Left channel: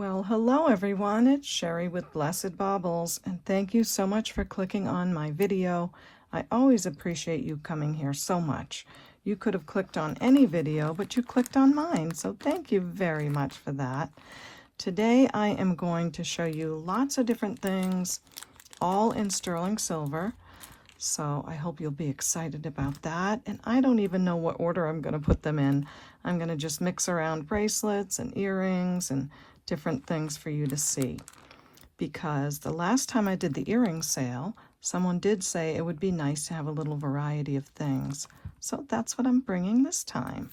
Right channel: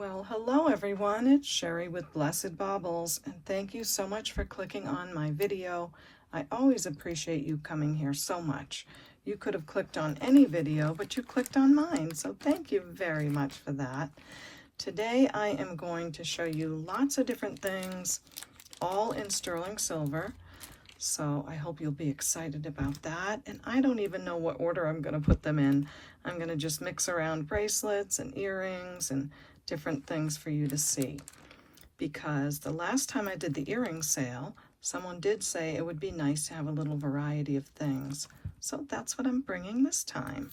Well, hello everyone, it's Sherry with Blessed Baubles, and thank you so much for clicking on my video. I always appreciate you coming here so much. You could have clicked on any video, but you clicked on mine, so thank you very much for that. Today I am going to show you lots of different things, all in sterling silver. So I hope you'll be excited about that. And I don't even know what order I'm going to put them in. I'm going to just mix around bracelets and earrings and different things for you to see. Because the last time I did the earring sale, someone did say it would be nice to have a little variety of things. So that's what I'm bringing this time.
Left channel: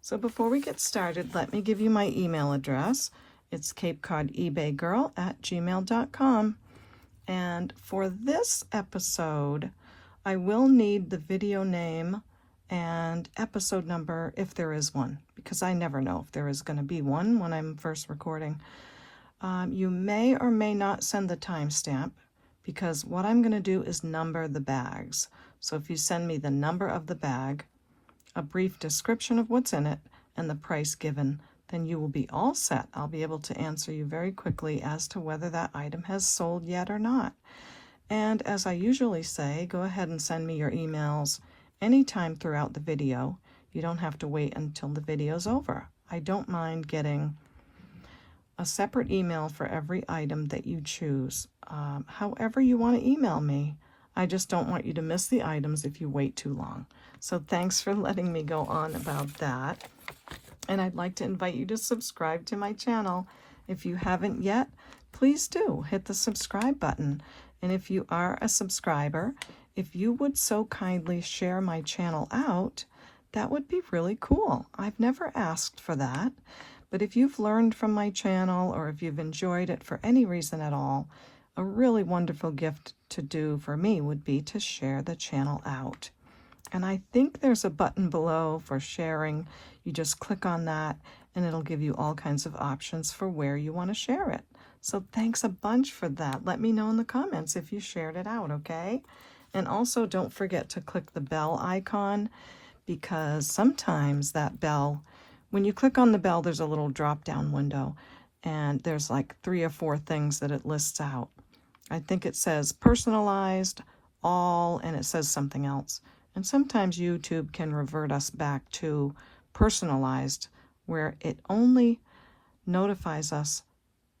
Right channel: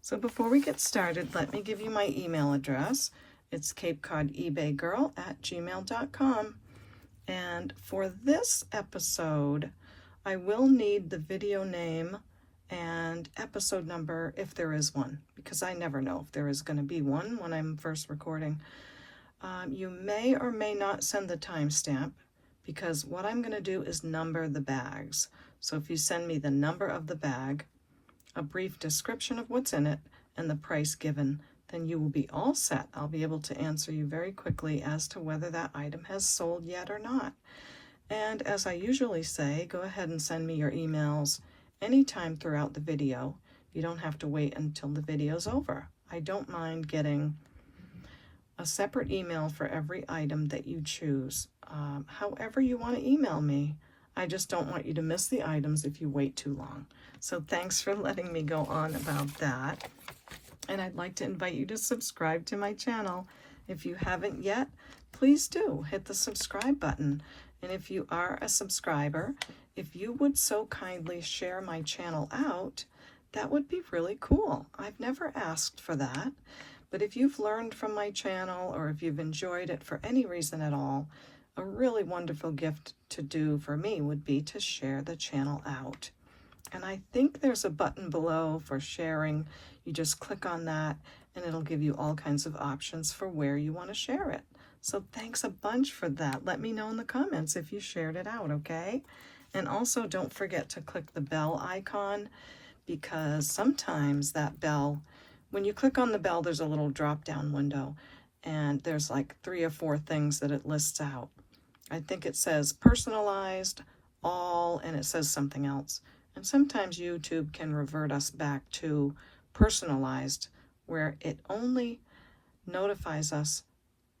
So before we get started, let me give you my email address. It's CapeCodEbayGirl@gmail.com. And for this episode, I will need the video name and episode number if there is one, because I never know if there is going to be one when I'm first recording. You may or may not send the timestamp, because what I'm going to do is number the bags. So if you send me the number of the bag, a brief description of what's in it, and the price given, then you will be all set. I'll be able to answer you very quickly as to whether that item has sold yet or not. And as I usually say, go ahead and send me your emails anytime throughout the video. You don't have to wait until the video's over. I don't mind getting a separate email for every item that you choose. However you want to email me. I just don't want you to miss the items if you wait too long. So thanks for letting me go on about that. And I'd like to invite you to subscribe to my channel. If you haven't yet, please do hit the subscribe button. And if you are a subscriber, if you would so kindly share my channel out, that would be really cool. I've never asked for that, but if you've learned from my channel or if you've enjoyed it for any reason at all, a really wonderful gift to do for me would be to share the channel out. And I think there's a button below for sharing. You just click on that and it'll give you all kinds of options for where you want to share it. So thanks a bunch for that. Let me know in the comments if you shared it out, okay? And also don't forget to click the bell icon, because sometimes that bell, when you click on the bell, there's a little drop-down window and there's like 3 or 4 things that it lists out. I think it says personalized, all, and it says something else. And sometimes YouTube can revert us back to personalized, where it only notifies us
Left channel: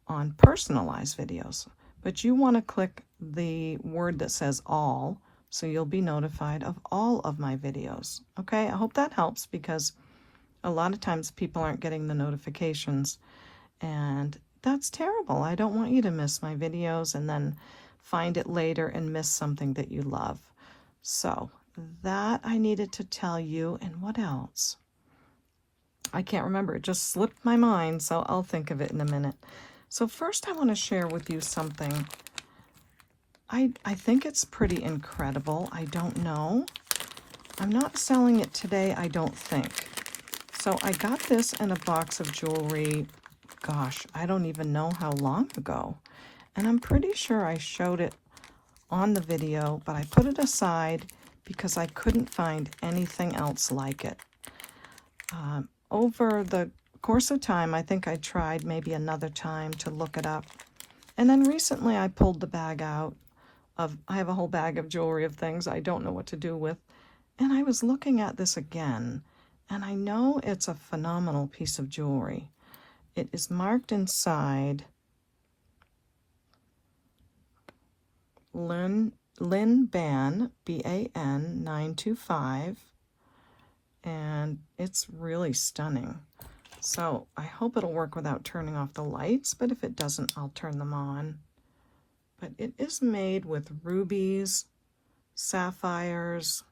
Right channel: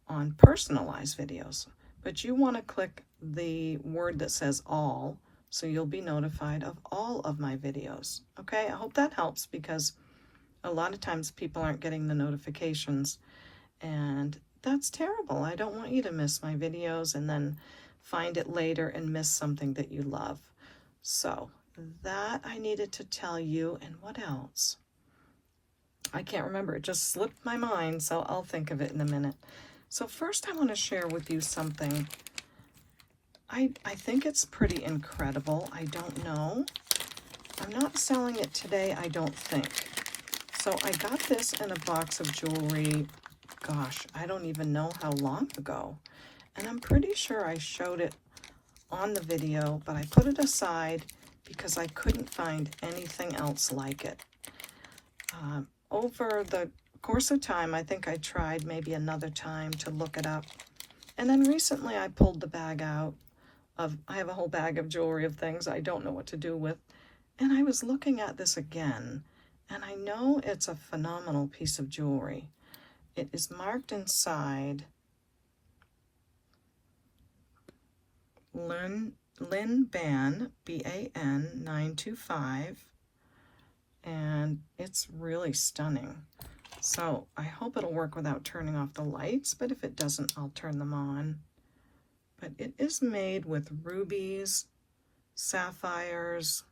on personalized videos. But you want to click the word that says all, so you'll be notified of all of my videos. Okay, I hope that helps, because a lot of times people aren't getting the notifications, and that's terrible. I don't want you to miss my videos and then find it later and miss something that you love. So that I needed to tell you. And what else? I can't remember. It just slipped my mind, so I'll think of it in a minute. So first I want to share with you something. I think it's pretty incredible. I don't know. I'm not selling it today, I don't think. So I got this in a box of jewelry, gosh, I don't even know how long ago. And I'm pretty sure I showed it on the video, but I put it aside because I couldn't find anything else like it. Over the course of time, I think I tried maybe another time to look it up. And then recently I pulled the bag out of, I have a whole bag of jewelry of things I don't know what to do with. And I was looking at this again, and I know it's a phenomenal piece of jewelry. It is marked inside Lynn Ban, B-A-N 925, and it's really stunning. So I hope it'll work without turning off the lights, but if it doesn't, I'll turn them on. But it is made with rubies, sapphires,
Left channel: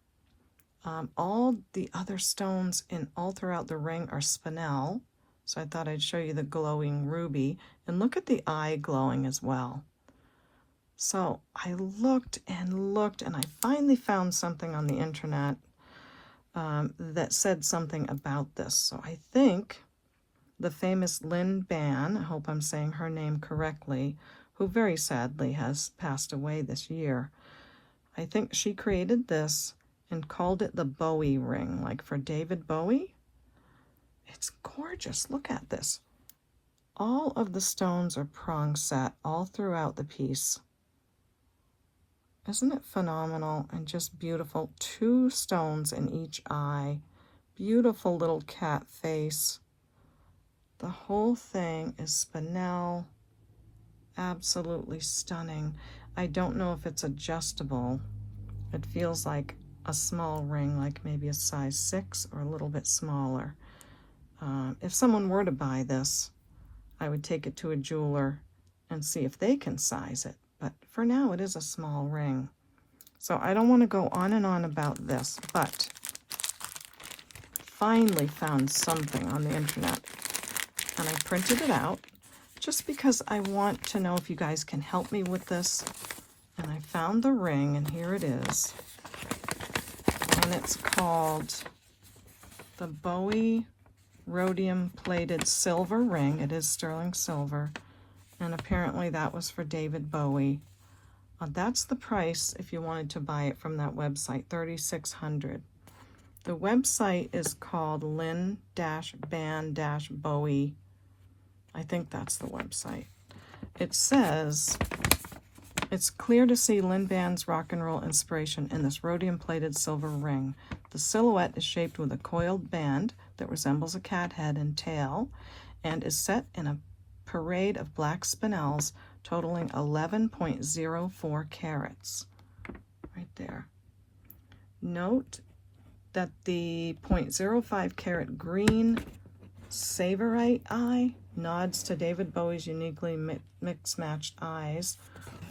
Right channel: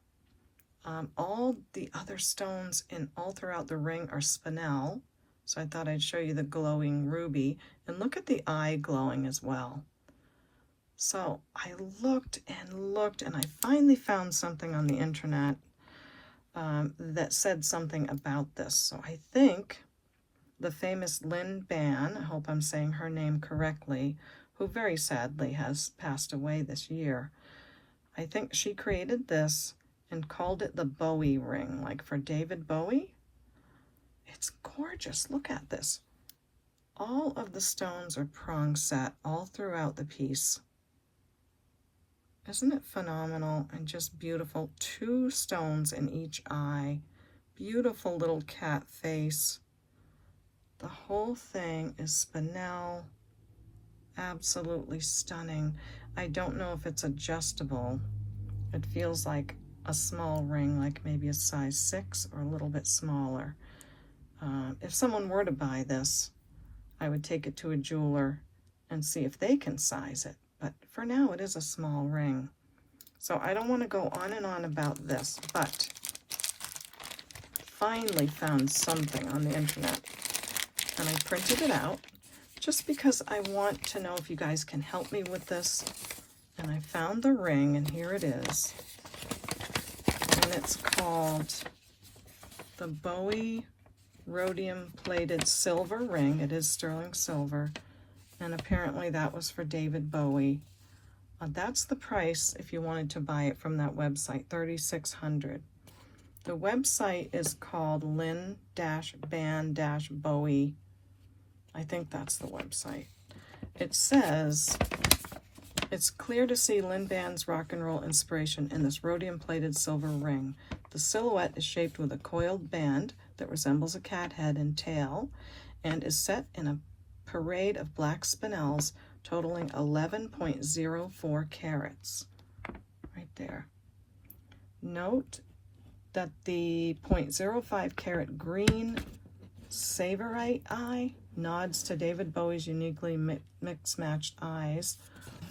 all the other stones in all throughout the ring are spinel. So I thought I'd show you the glowing ruby, and look at the eye glowing as well. So I looked and looked, and I finally found something on the internet that said something about this. So I think the famous Lynn Ban, I hope I'm saying her name correctly, who very sadly has passed away this year, I think she created this and called it the Bowie ring, like for David Bowie. It's gorgeous. Look at this. all of the stones are prong set all throughout the piece. Isn't it phenomenal and just beautiful? 2 stones in each eye. Beautiful little cat face. The whole thing is spinel. Absolutely stunning. I don't know if it's adjustable. It feels like a small ring, like maybe a size 6 or a little bit smaller. If someone were to buy this, I would take it to a jeweler and see if they can size it. But for now, it is a small ring. So I don't want to go on and on about this, but finally found something on the internet. And I printed it out just because I want to know if you guys can help me with this. And I found the ring, and here it is. And it's called the Bowie Rhodium Plated Silver Ring. It is sterling silver. And apparently that was for David Bowie. That's the price if you wanted to buy it from that website, $3,600. The website is called Lynn-Band-Bowie. I think that's the website. It says, it's clear to see Lynn Band's rock and roll inspiration in this rhodium-plated silver ring. The silhouette is shaped with a coiled band that resembles a cat head and tail and is set in a parade of black spinels totaling 11.04 carats. Right there. Note that the 0.05 carat green Savorite eye nods to David Bowie's uniquely mix-matched eyes,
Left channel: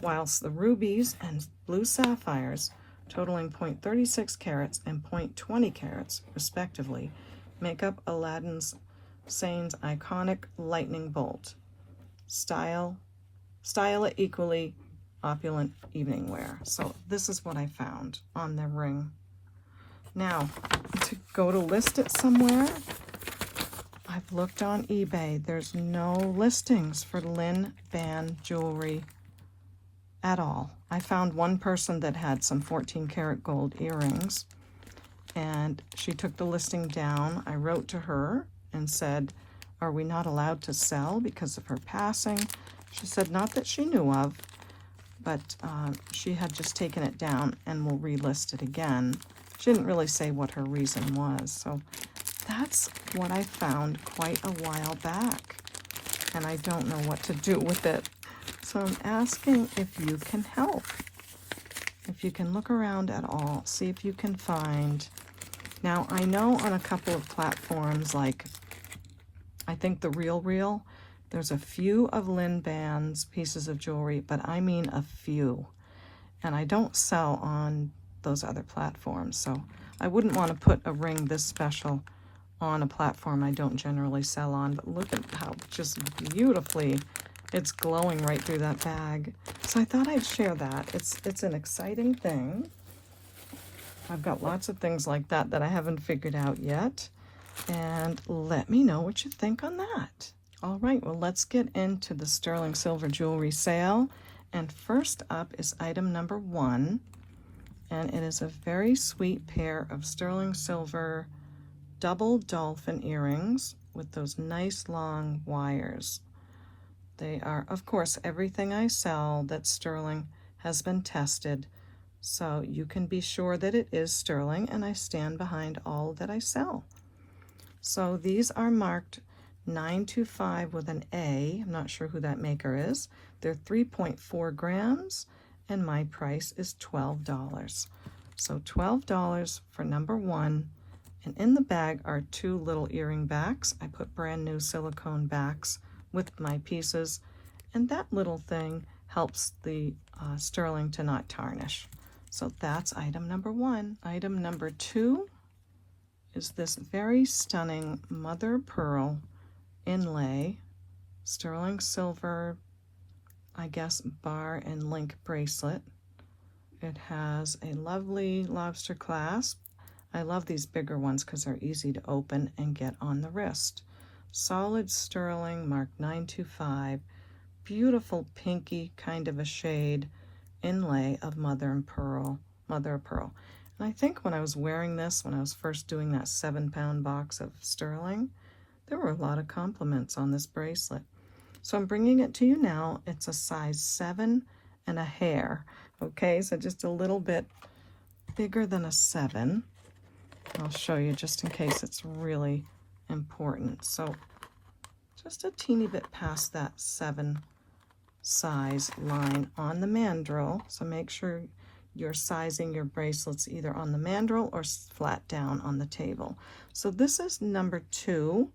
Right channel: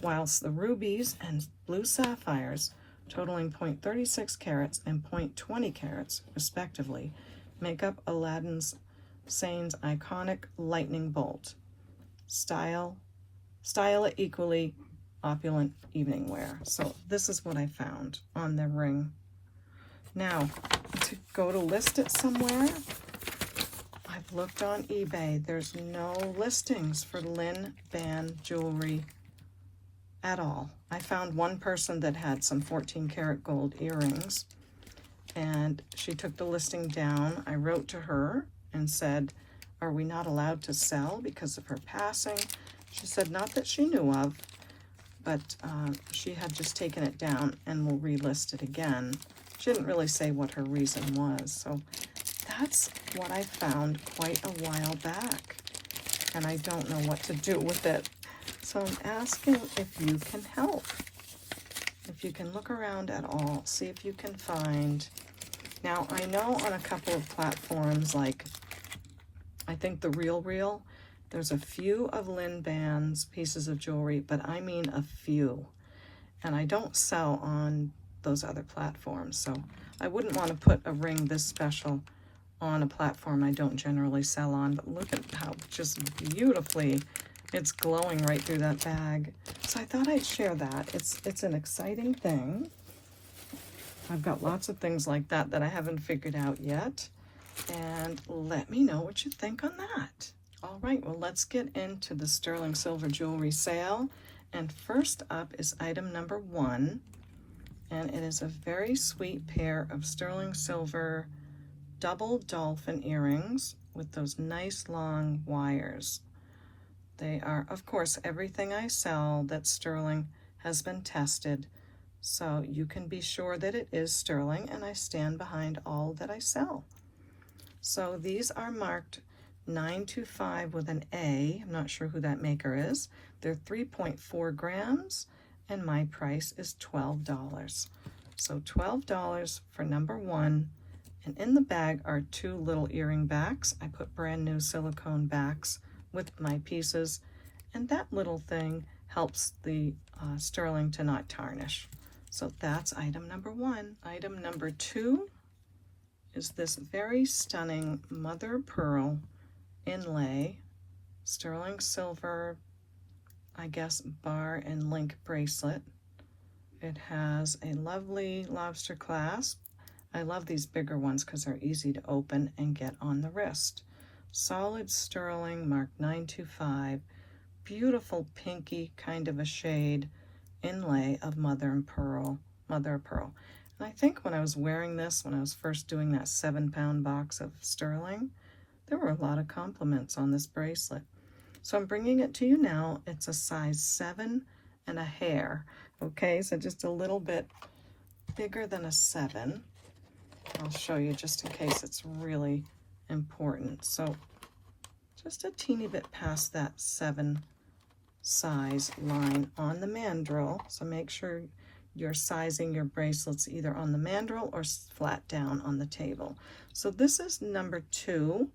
whilst the rubies and blue sapphires, totaling 0.36 carats and 0.20 carats, respectively, make up Aladdin's Sane's iconic lightning bolt. Style it equally opulent evening wear. So this is what I found on the ring. Now, to go to list it somewhere, I've looked on eBay. There's no listings for Lynn Band jewelry at all. I found one person that had some 14 karat gold earrings, and she took the listing down. I wrote to her and said, are we not allowed to sell because of her passing? She said not that she knew of, but she had just taken it down and will relist it again. She didn't really say what her reason was. So that's what I found quite a while back, and I don't know what to do with it. So I'm asking if you can help. If you can look around at all, see if you can find. Now, I know on a couple of platforms, like I think the Real, there's a few of Lynn Band's pieces of jewelry, but I mean a few. And I don't sell on those other platforms, so I wouldn't want to put a ring this special on a platform I don't generally sell on. But look at how just beautifully it's glowing right through that bag. So I thought I'd share that. It's an exciting thing. I've got lots of things like that that I haven't figured out yet. And let me know what you think on that. All right, well, let's get into the sterling silver jewelry sale. And first up is item number 1. And it is a very sweet pair of sterling silver double dolphin earrings with those nice long wires. They are, of course, everything I sell that's sterling has been tested, so you can be sure that it is sterling, and I stand behind all that I sell. So these are marked 925 with an A. I'm not sure who that maker is. They're 3.4 grams, and my price is $12. So $12 for number 1. And in the bag are 2 little earring backs. I put brand new silicone backs with my pieces, and that little thing helps the sterling to not tarnish. So that's item number 1. Item number 2 is this very stunning mother pearl inlay, sterling silver, I guess, bar and link bracelet. It has a lovely lobster clasp. I love these bigger ones because they're easy to open and get on the wrist. Solid sterling, marked 925. Beautiful pinky kind of a shade inlay of mother of pearl. And I think when I was wearing this, when I was first doing that 7-pound box of sterling, there were a lot of compliments on this bracelet. So I'm bringing it to you now. It's a size 7 and a hair. Okay, so just a little bit bigger than a 7. I'll show you just in case it's really important. So just a teeny bit past that 7 size line on the mandrel. So make sure you're sizing your bracelets either on the mandrel or flat down on the table. So this is number 2.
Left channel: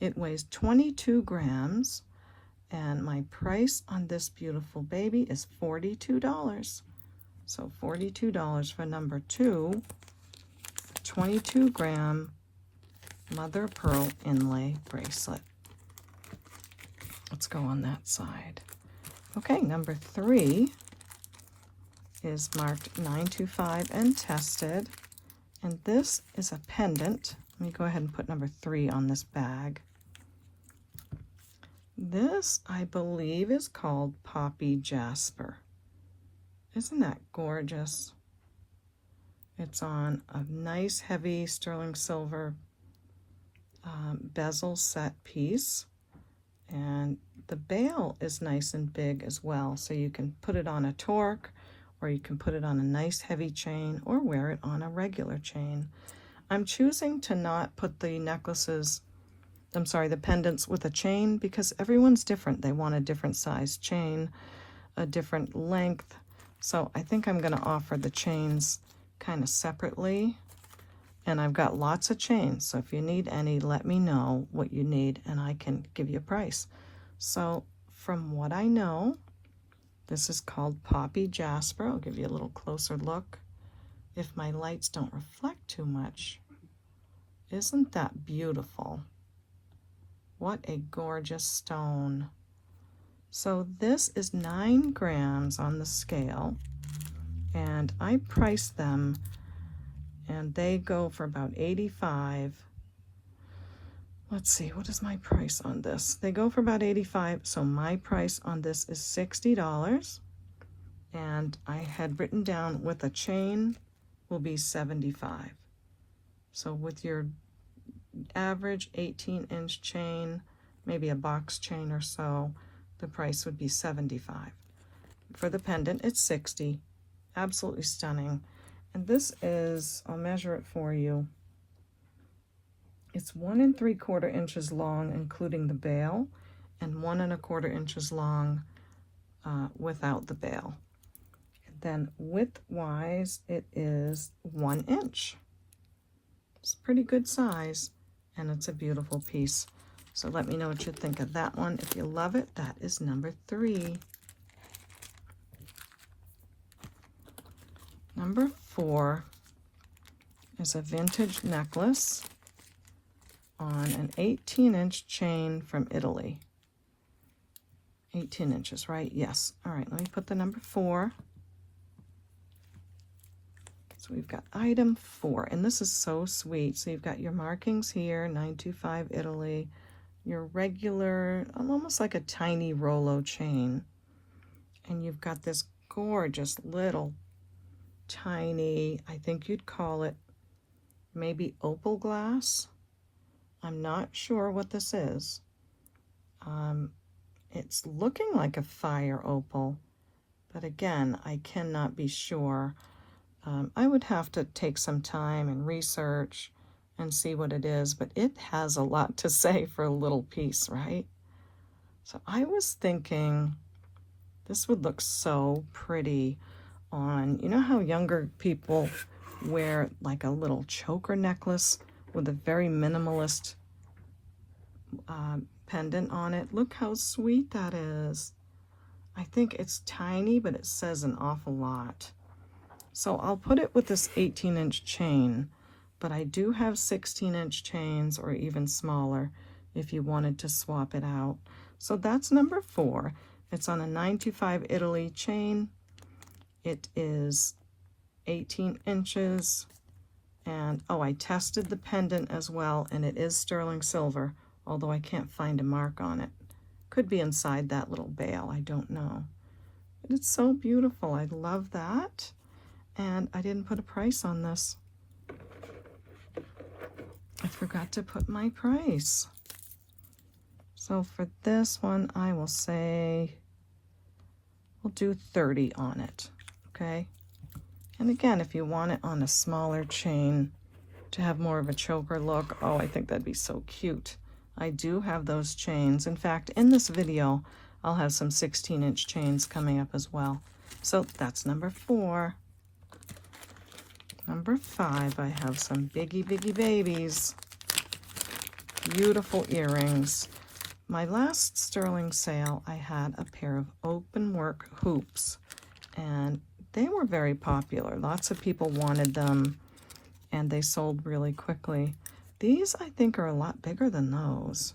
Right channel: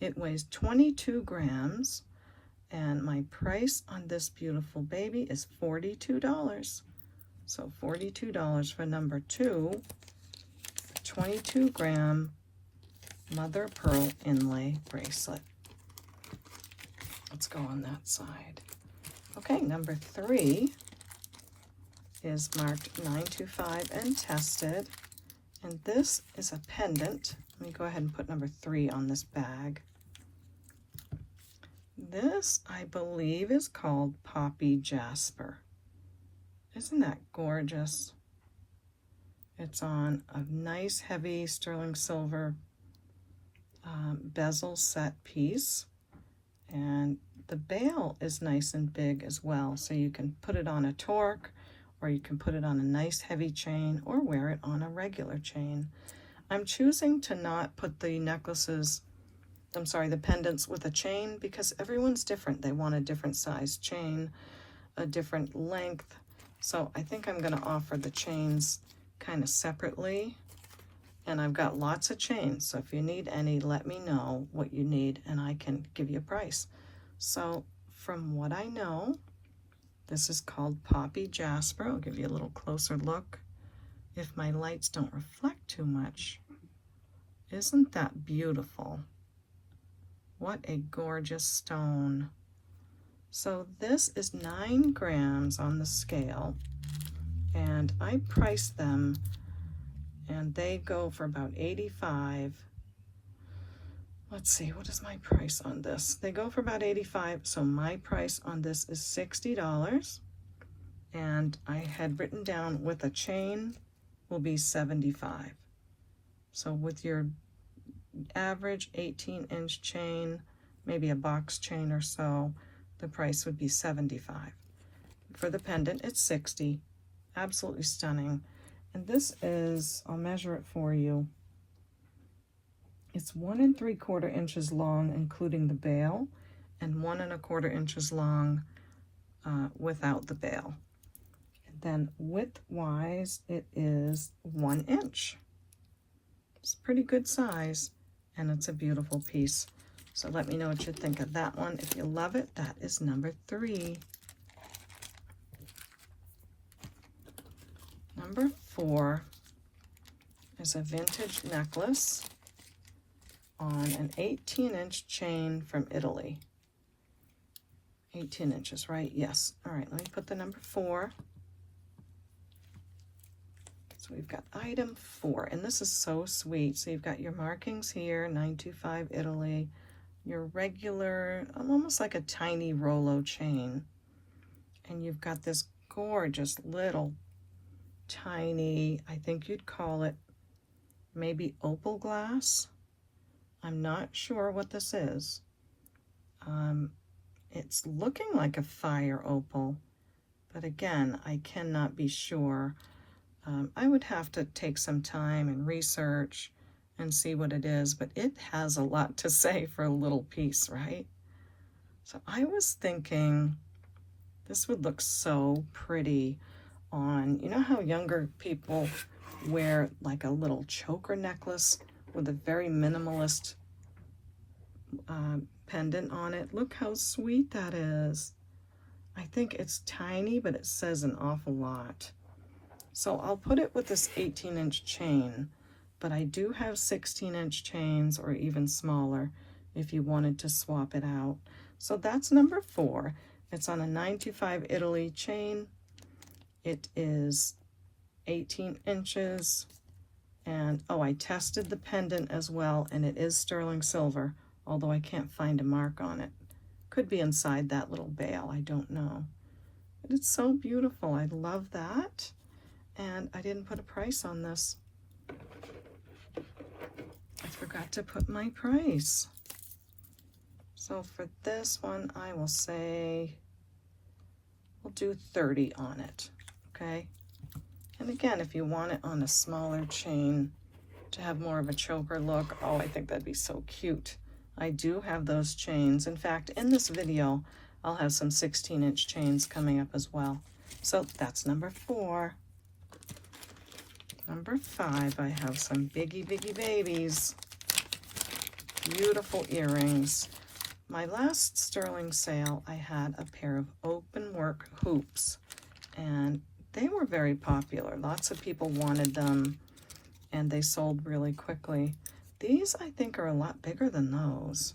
It weighs 22 grams. And my price on this beautiful baby is $42. So $42 for number 2, 22-gram mother of pearl inlay bracelet. Let's go on that side. Okay, number 3 is marked 925 and tested. And this is a pendant. Let me go ahead and put number 3 on this bag. This, I believe, is called Poppy Jasper. Isn't that gorgeous? It's on a nice heavy sterling silver bezel set piece. And the bail is nice and big as well. So you can put it on a torque, or you can put it on a nice heavy chain, or wear it on a regular chain. I'm choosing to not put the the pendants with a chain because everyone's different. They want a different size chain, a different length. So I think I'm going to offer the chains kind of separately. And I've got lots of chains. So if you need any, let me know what you need and I can give you a price. So from what I know, this is called Poppy Jasper. I'll give you a little closer look if my lights don't reflect too much. Isn't that beautiful? What a gorgeous stone. So this is 9 grams on the scale, and I priced them, and they go for about $85. Let's see, what is my price on this? They go for about $85, so my price on this is $60, and I had written down with a chain will be $75. So with your average 18-inch chain, maybe a box chain or so, the price would be $75. For the pendant, it's $60. Absolutely stunning. And this is, I'll measure it for you. It's 1 3/4 inches long, including the bail, and 1 1/4 inches long without the bail. And then width-wise, it is 1 inch. It's a pretty good size, and it's a beautiful piece. So let me know what you think of that one. If you love it, that is number 3. Number 4 is a vintage necklace on an 18-inch chain from Italy. 18 inches, right? Yes. All right, let me put the number 4. So we've got item 4, and this is so sweet. So you've got your markings here, 925 Italy, your regular, almost like a tiny Rollo chain. And you've got this gorgeous little tiny, I think you'd call it maybe opal glass. I'm not sure what this is. It's looking like a fire opal, but again, I cannot be sure. I would have to take some time and research and see what it is, but it has a lot to say for a little piece, right? So I was thinking this would look so pretty on, you know how younger people wear like a little choker necklace with a very minimalist pendant on it? Look how sweet that is. I think it's tiny, but it says an awful lot. So I'll put it with this 18-inch chain, but I do have 16-inch chains or even smaller if you wanted to swap it out. So that's number 4. It's on a 925 Italy chain. It is 18 inches. And oh, I tested the pendant as well, and it is sterling silver, although I can't find a mark on it. Could be inside that little bail, I don't know. But it's so beautiful. I love that. And I didn't put a price on this. I forgot to put my price. So for this one, I will say we'll do 30 on it, okay? And again, if you want it on a smaller chain to have more of a choker look, oh, I think that'd be so cute. I do have those chains. In fact, in this video, I'll have some 16-inch chains coming up as well. So that's number 4. Number 5, I have some biggie babies. Beautiful earrings. My last sterling sale, I had a pair of open work hoops, and they were very popular. Lots of people wanted them, and they sold really quickly. These, I think, are a lot bigger than those,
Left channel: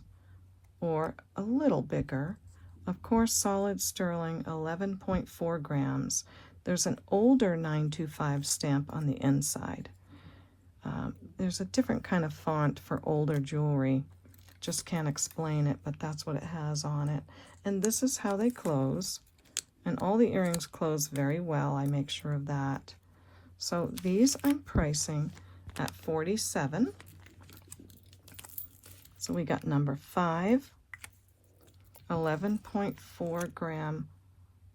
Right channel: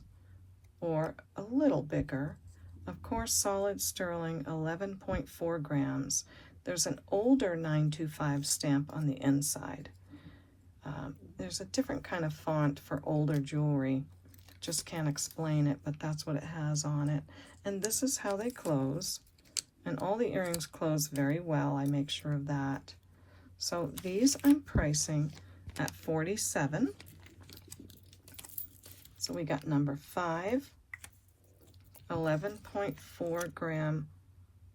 or a little bigger. Of course, solid sterling, 11.4 grams. There's an older 925 stamp on the inside. There's a different kind of font for older jewelry. Just can't explain it, but that's what it has on it. And this is how they close. And all the earrings close very well. I make sure of that. So these I'm pricing at $47. So we got number 5, 11.4 gram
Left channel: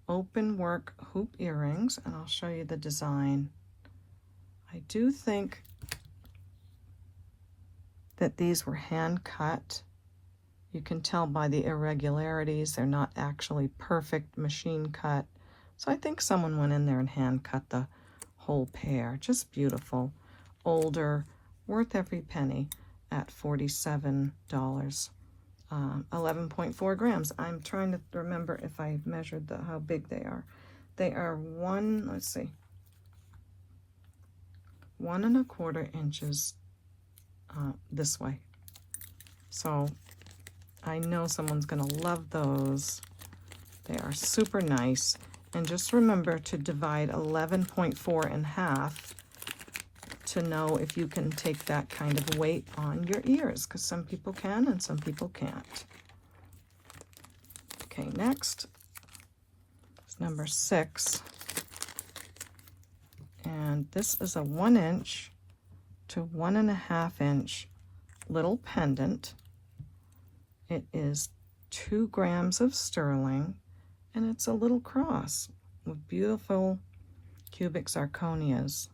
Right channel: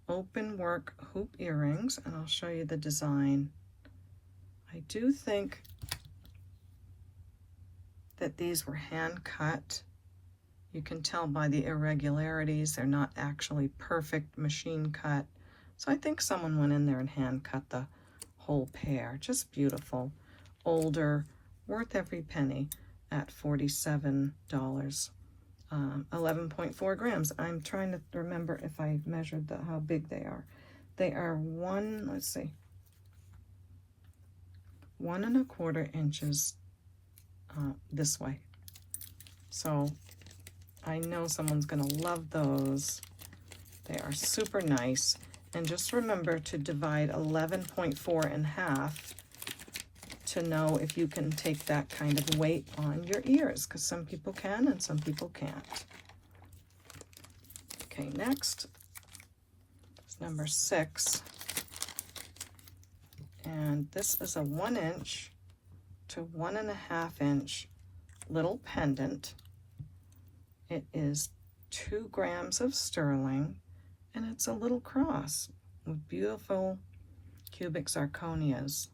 open work hoop earrings, and I'll show you the design. I do think that these were hand cut. You can tell by the irregularities, they're not actually perfect machine cut. So I think someone went in there and hand cut the whole pair. Just beautiful. Older, worth every penny at $47. 11.4 grams. I'm trying to remember if I measured how big they are. They are 1 1¼ inches this way. So I know someone's gonna love those. They are super nice. And just remember to divide 11.4 in half to know if you can take that kind of weight on your ears, because some people can and some people can't. Okay, next is number 6. And this is a 1 inch to 1½ inch little pendant. It is 2 grams of sterling, and it's a little cross with beautiful cubic zirconias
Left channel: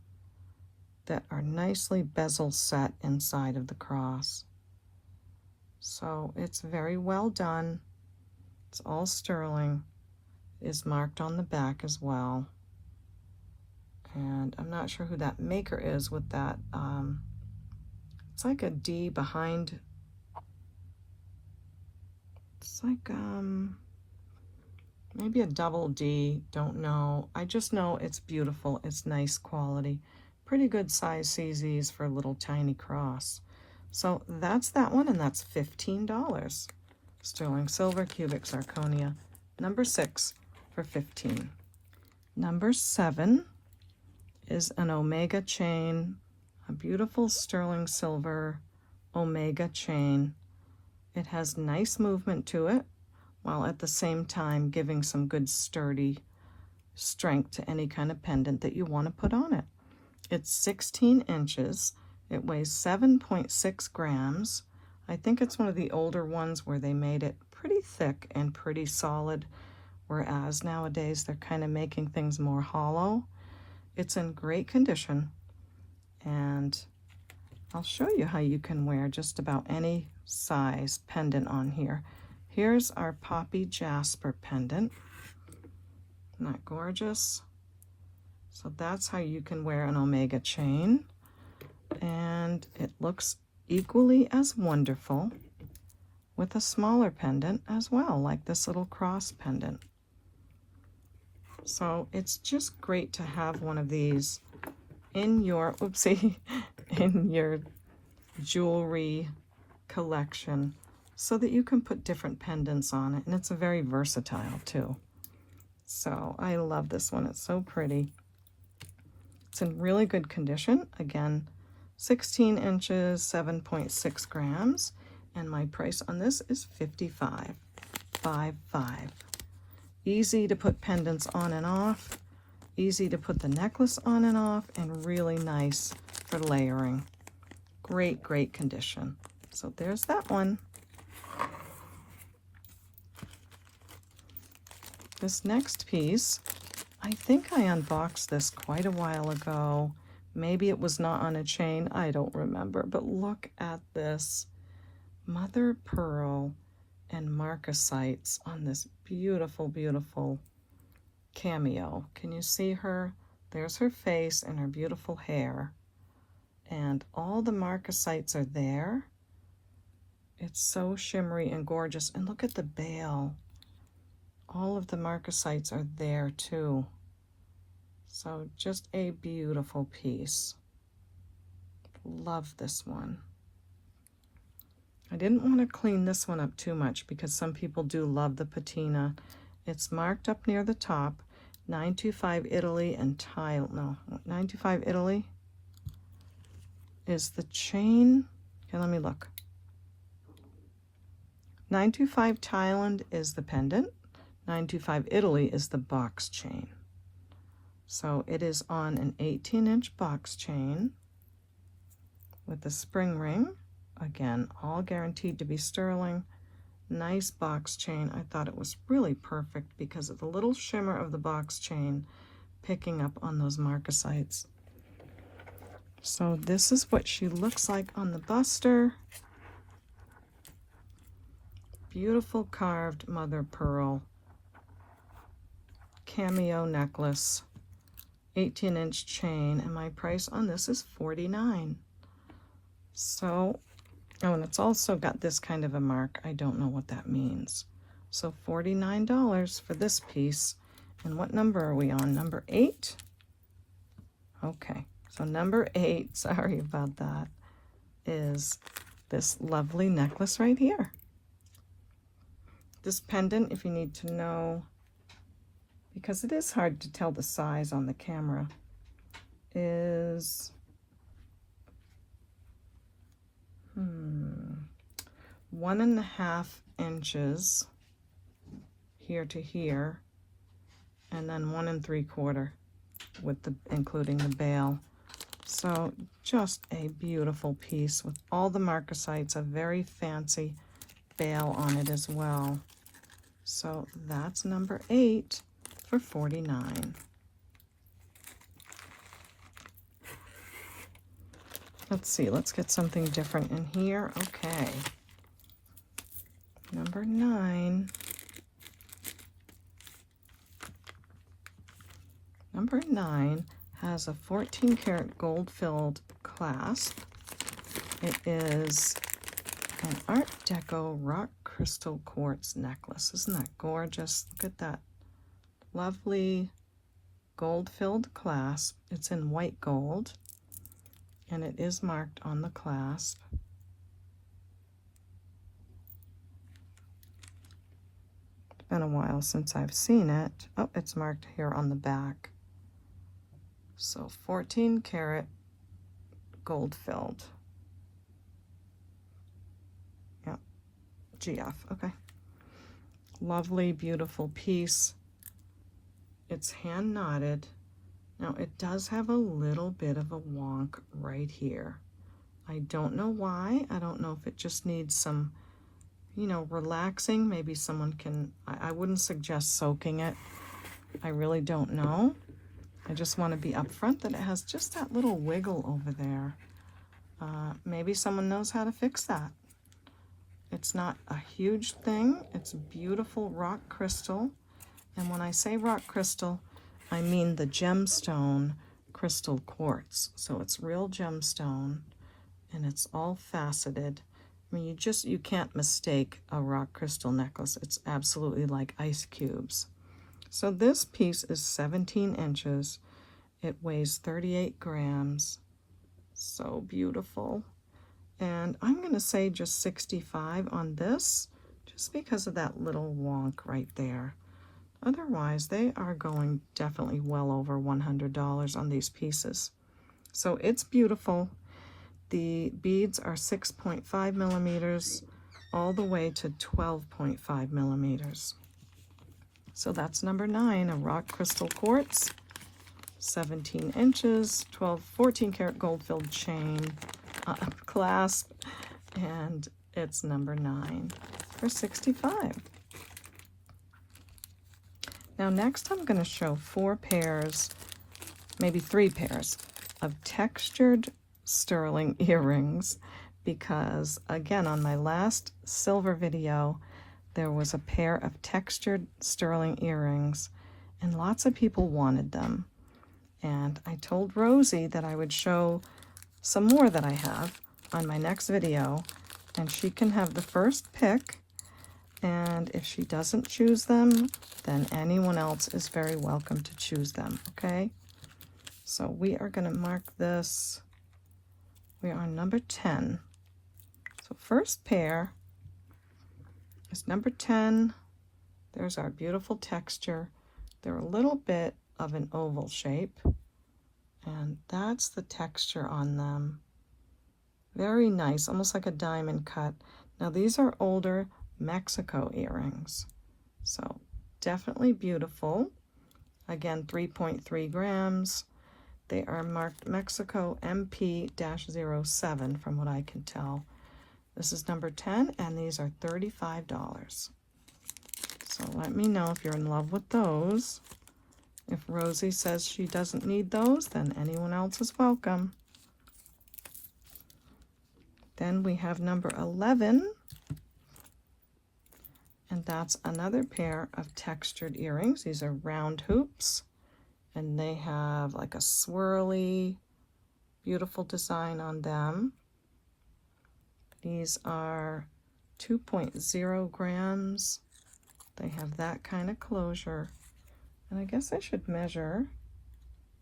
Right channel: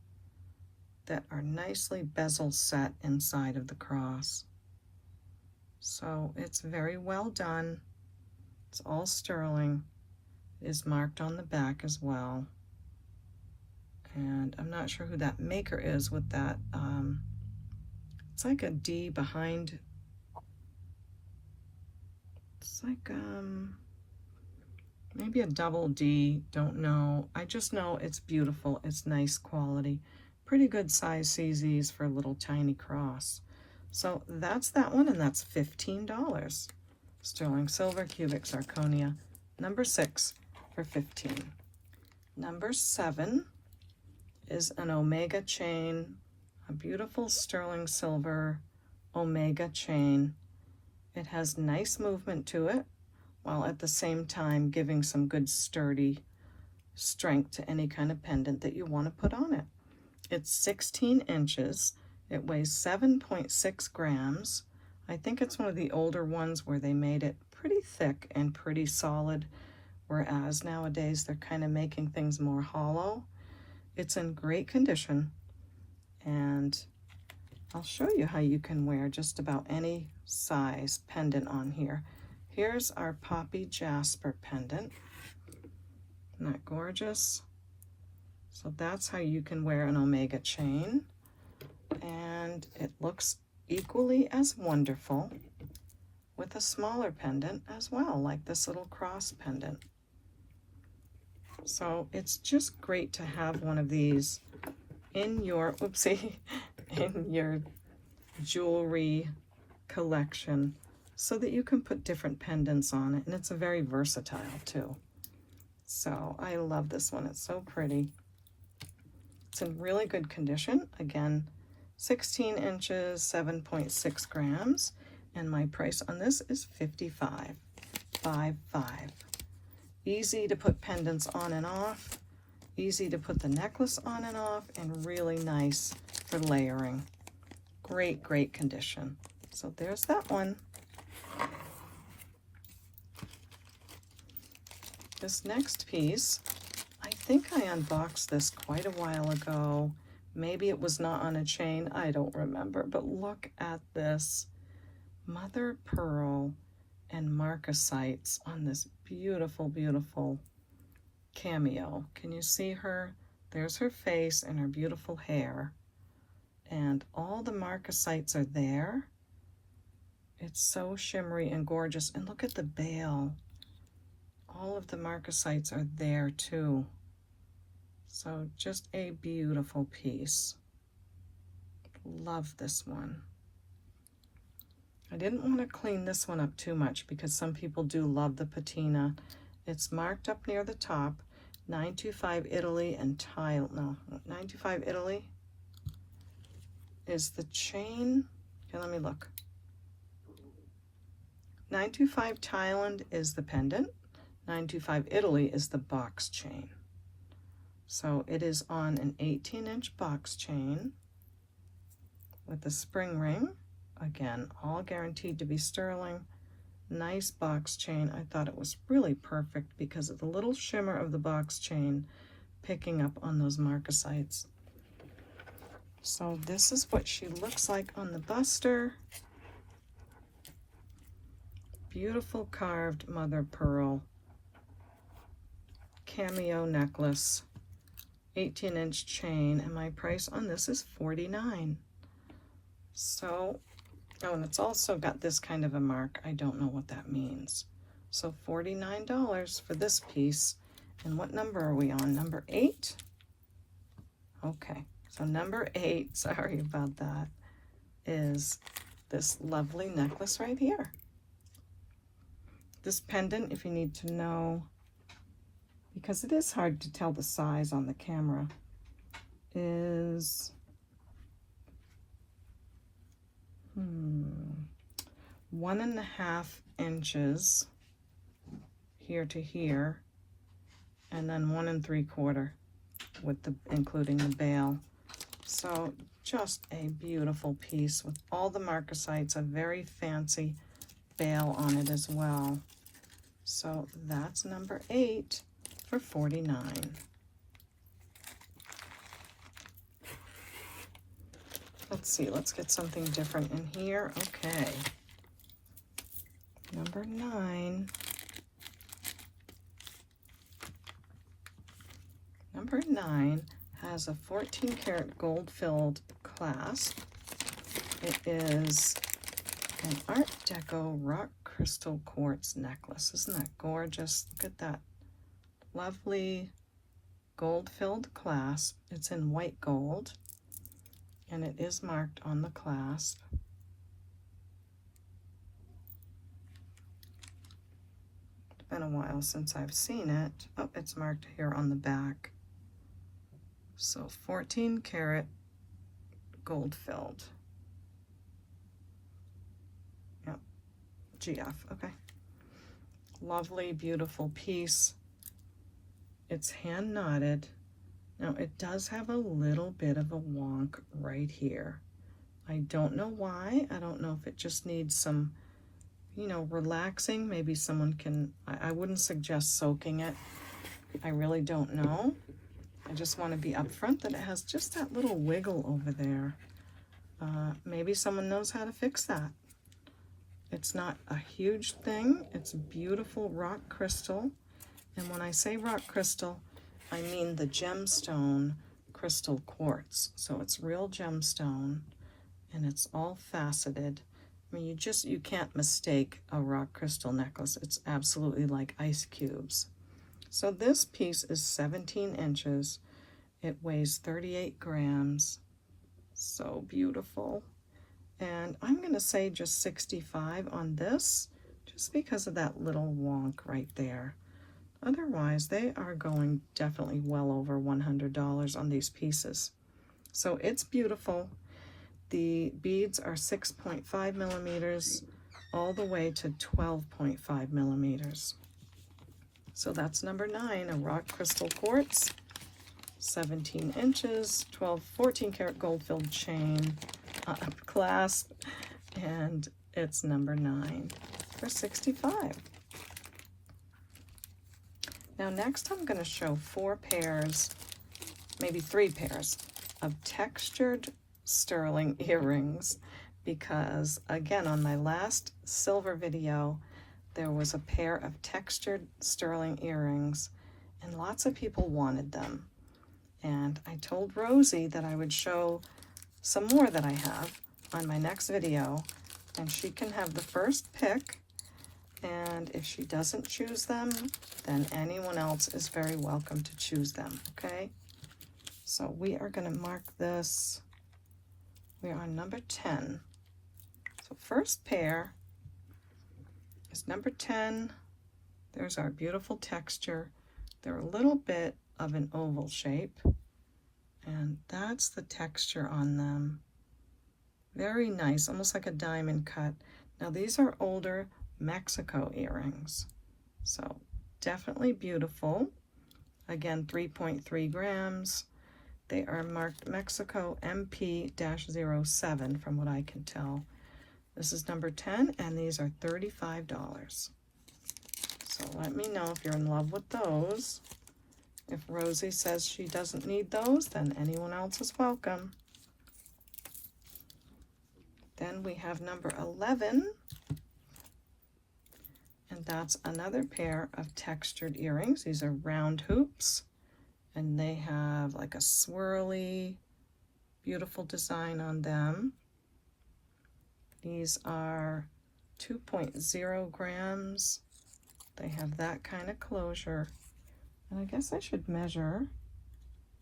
that are nicely bezel set inside of the cross. So it's very well done. It's all sterling. It is marked on the back as well. And I'm not sure who that maker is with that. It's like a D behind. It's like maybe a double D, don't know. I just know it's beautiful. It's nice quality. Pretty good size CZs for a little tiny cross. So that's that one, and that's $15. Sterling silver cubic zirconia, number 6 for $15. Number 7 is an omega chain, a beautiful sterling silver omega chain. It has nice movement to it, while at the same time giving some good sturdy strength to any kind of pendant that you want to put on it. It's 16 inches. It weighs 7.6 grams. I think it's one of the older ones where they made it pretty thick and pretty solid, whereas nowadays they're kind of making things more hollow. It's in great condition, and I'll show you how you can wear just about any size pendant on here. Here's our Poppy Jasper pendant. Isn't that gorgeous? So that's how you can wear an omega chain, and it looks equally as wonderful with a smaller pendant as well, like this little cross pendant. So it's just great to have one of these in your, in your jewelry collection, so that you can put different pendants on it, and it's a very versatile too. So I love this one. It's so pretty. It's in really good condition. Again, 16 inches, 7.6 grams, and my price on this is $55. Easy to put pendants on and off, easy to put the necklace on and off, and really nice for layering. Great, great condition. So there's that one. This next piece, I think I unboxed this quite a while ago. Maybe it was not on a chain, I don't remember, but look at this mother of pearl and marcasites on this beautiful, beautiful cameo. Can you see her? There's her face and her beautiful hair. And all the marcasites are there. It's so shimmery and gorgeous. And look at the bail. All of the marcasites are there too. So just a beautiful piece. Love this one. I didn't want to clean this one up too much because some people do love the patina. It's marked up near the top, 925 Italy and Thailand. No, 925 Italy is the chain. Okay, let me look. 925 Thailand is the pendant. 925 Italy is the box chain. So it is on an 18-inch box chain with a spring ring. Again, all guaranteed to be sterling. Nice box chain. I thought it was really perfect because of the little shimmer of the box chain picking up on those marcasites. So this is what she looks like on the buster. Beautiful carved mother of pearl cameo necklace, 18-inch chain, and my price on this is $49. So, oh, and it's also got this kind of a mark. I don't know what that means. So $49 for this piece. And what number are we on? Number 8? Okay, so number 8, sorry about that, is this lovely necklace right here. This pendant, if you need to know, because it is hard to tell the size on the camera, is 1.5 inches here to here, and then 1 3/4 with the including the bail. So just a beautiful piece with all the marcasites, a very fancy bail on it as well. So that's number 8 for $49. Let's see, let's get something different in here. Okay. Number 9. Number 9 has a 14 karat gold filled clasp. It is an Art Deco rock crystal quartz necklace. Isn't that gorgeous? Look at that lovely gold filled clasp. It's in white gold and it is marked on the clasp. It's been a while since I've seen it. Oh, it's marked here on the back. So 14 karat gold filled. Yeah, GF, okay. Lovely, beautiful piece. It's hand knotted. Now it does have a little bit of a wonk right here. I don't know why. I don't know if it just needs some, you know, relaxing. Maybe someone can, I wouldn't suggest soaking it. I really don't know. I just want to be upfront that it has just that little wiggle over there. Maybe someone knows how to fix that. It's not a huge thing. It's beautiful rock crystal. And when I say rock crystal, I mean the gemstone crystal quartz. So it's real gemstone and it's all faceted. I mean, you can't mistake a rock crystal necklace. It's absolutely like ice cubes. So this piece is 17 inches. It weighs 38 grams. So beautiful. And I'm going to say just 65 on this, just because of that little wonk right there. Otherwise, they are going definitely well over $100 on these pieces. So it's beautiful. The beads are 6.5 millimeters all the way to 12.5 millimeters. So that's number 9, a rock crystal quartz, 17 inches, 14 karat gold filled chain clasp, and it's number 9 for $65. Now next I'm going to show 4 pairs, maybe 3 pairs of textured sterling earrings, because again on my last silver video there was a pair of textured sterling earrings and lots of people wanted them, and I told Rosie that I would show some more that I have on my next video, and she can have the first pick, and if she doesn't choose them, then anyone else is very welcome to choose them, okay? So we are going to mark this, we're on number 10. So first pair is number 10. There's our beautiful texture. They're a little bit of an oval shape, and that's the texture on them. Very nice, almost like a diamond cut. Now these are older Mexico earrings, so definitely beautiful. Again, 3.3 grams. They are marked Mexico MP-07 from what I can tell. This is number 10, and these are $35. So let me know if you're in love with those. If Rosie says she doesn't need those, then anyone else is welcome. Then we have number 11, and that's another pair of textured earrings. These are round hoops, and they have like a swirly, beautiful design on them. These are 2.0 grams. They have that kind of closure. And I guess I should measure.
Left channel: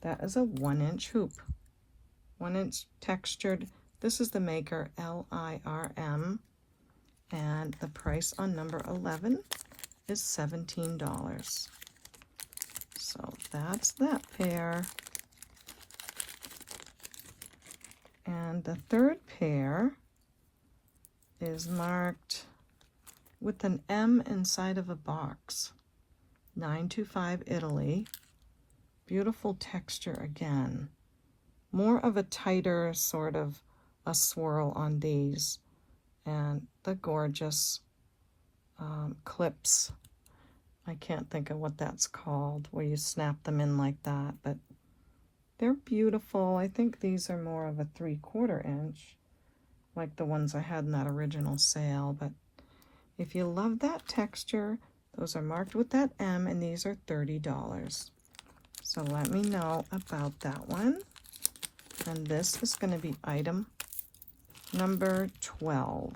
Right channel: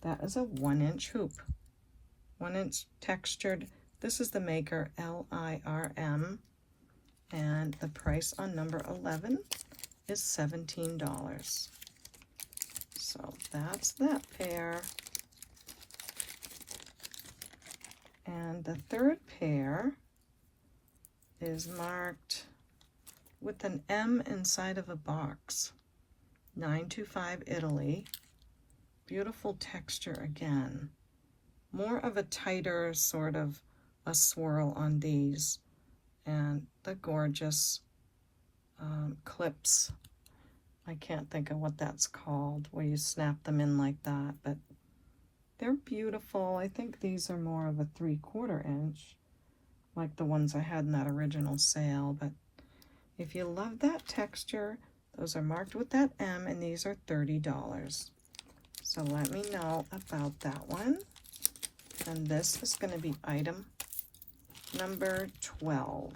That is a 1-inch hoop. 1-inch textured. This is the maker, LIRM. And the price on number 11 is $17. So that's that pair. And the third pair is marked with an M inside of a box. 925 Italy. Beautiful texture again. More of a tighter sort of a swirl on these. And the gorgeous clips. I can't think of what that's called, where you snap them in like that, but they're beautiful. I think these are more of a 3/4 inch, like the ones I had in that original sale, but if you love that texture, those are marked with that M, and these are $30. So let me know about that one. And this is going to be item number 12.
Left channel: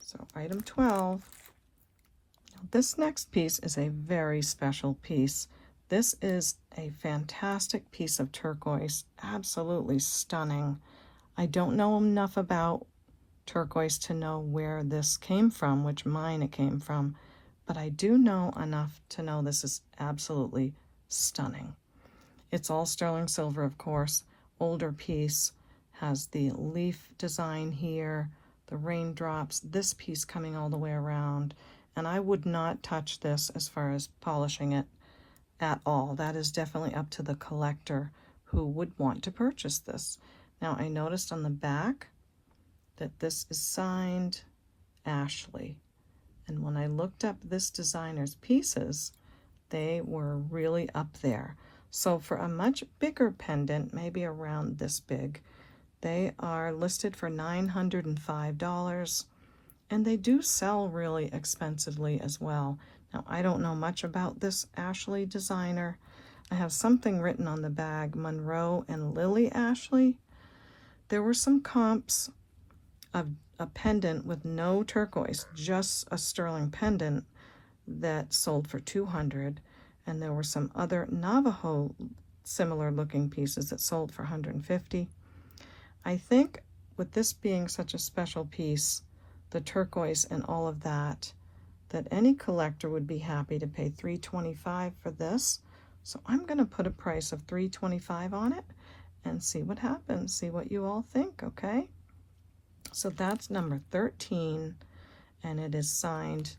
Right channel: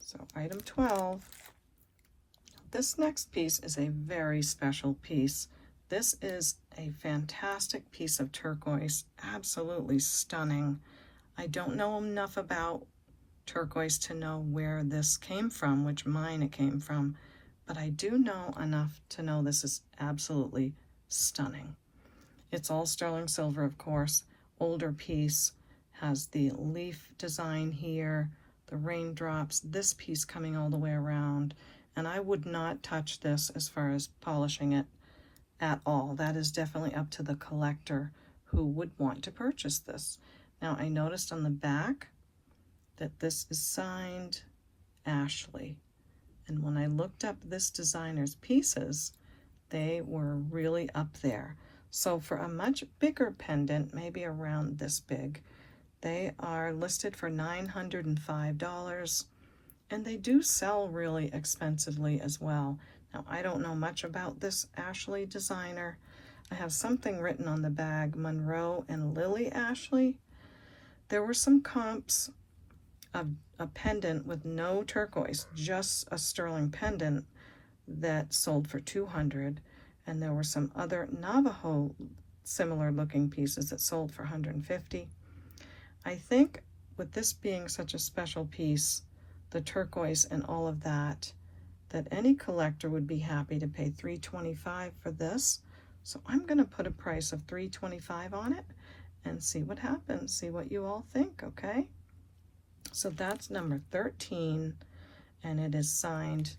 So item 12. This next piece is a very special piece. This is a fantastic piece of turquoise, absolutely stunning. I don't know enough about turquoise to know where this came from, which mine it came from, but I do know enough to know this is absolutely stunning. It's all sterling silver, of course. Older piece, has the leaf design here, the raindrops, this piece coming all the way around, and I would not touch this as far as polishing it at all. That is definitely up to the collector who would want to purchase this. Now I noticed on the back that this is signed Ashley, and when I looked up this designer's pieces, they were really up there. So for a much bigger pendant, maybe around this big, they are listed for $905, and they do sell really expensively as well. Now I don't know much about this Ashley designer. I have something written on the bag, Monroe and Lily Ashley. There were some comps of a pendant with no turquoise, just a sterling pendant, that sold for $200, and there were some other Navajo similar looking pieces that sold for $150. I think with this being such a special piece, the turquoise and all of that, that any collector would be happy to pay $325 for this. So I'm going to put a price of $325 on it and see what happens, see what you all think, okay? So that's number 13, and it is signed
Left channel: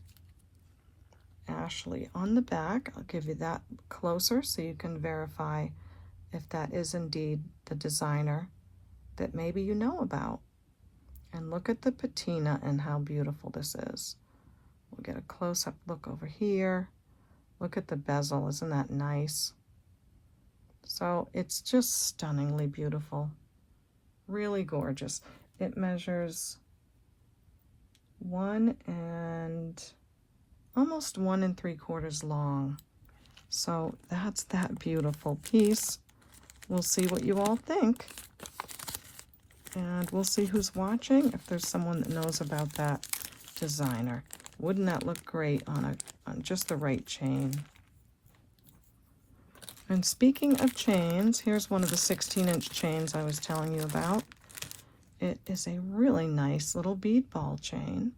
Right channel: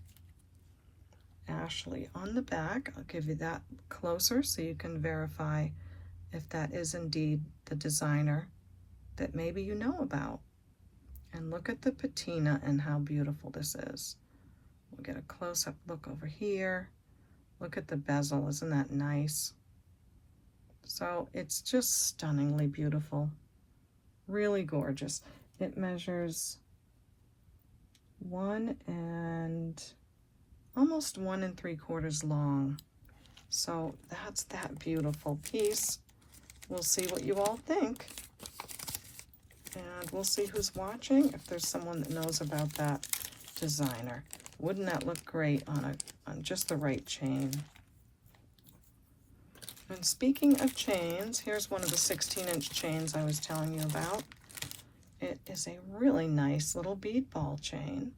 Ashley on the back. I'll give you that closer so you can verify if that is indeed the designer that maybe you know about. And look at the patina and how beautiful this is. We'll get a close-up look over here. Look at the bezel, isn't that nice? So it's just stunningly beautiful. Really gorgeous. It measures 1 and almost 1 3/4 long. So that's that beautiful piece. We'll see what you all think. And we'll see who's watching, if there's someone that knows about that designer. Wouldn't that look great on just the right chain? And speaking of chains, here's one of the 16-inch chains I was telling you about. It is a really nice little bead ball chain,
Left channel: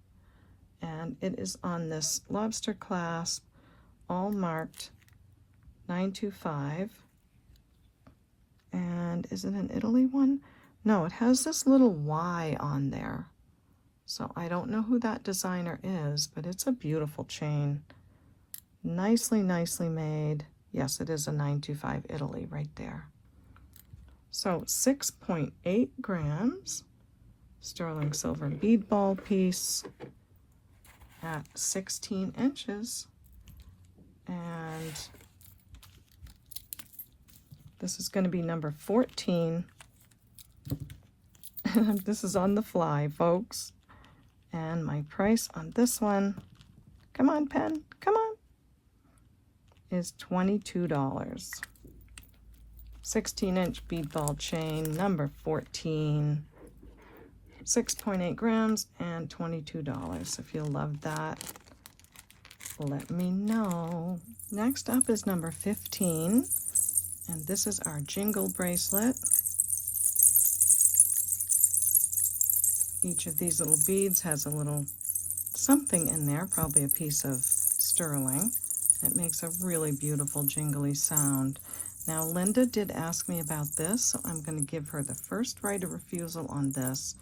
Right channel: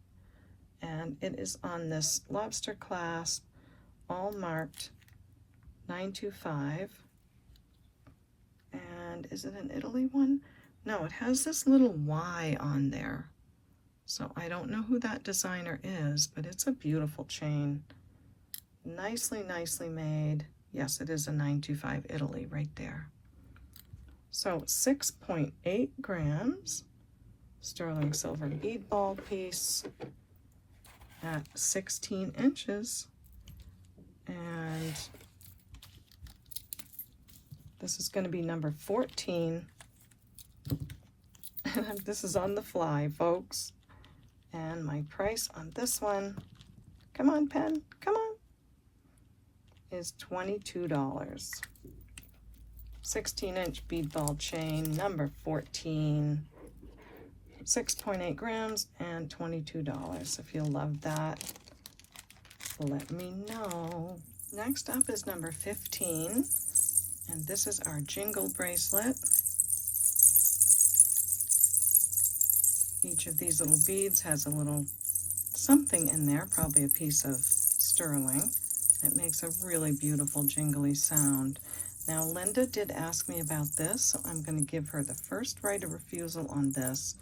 and it is on this lobster clasp, all marked 925. And is it an Italy one? No, it has this little Y on there. So I don't know who that designer is, but it's a beautiful chain. Nicely, nicely made. Yes, it is a 925 Italy right there. So 6.8 grams, sterling silver bead ball piece at 16 inches. And this is going to be number 14. This is on the fly, folks. And my price on this one, come on, pen, come on, is $22. 16-inch bead ball chain, number 14, 6.8 grams, and $22. If you'll love that, let me know. Next up is number 15, and this is our jingle bracelet. Each of these little beads has a little something in there, probably a piece of sterling. It makes a really beautiful jingly sound. Now, Linda did ask me about this, so I'm going to give her the first right of refusal on this.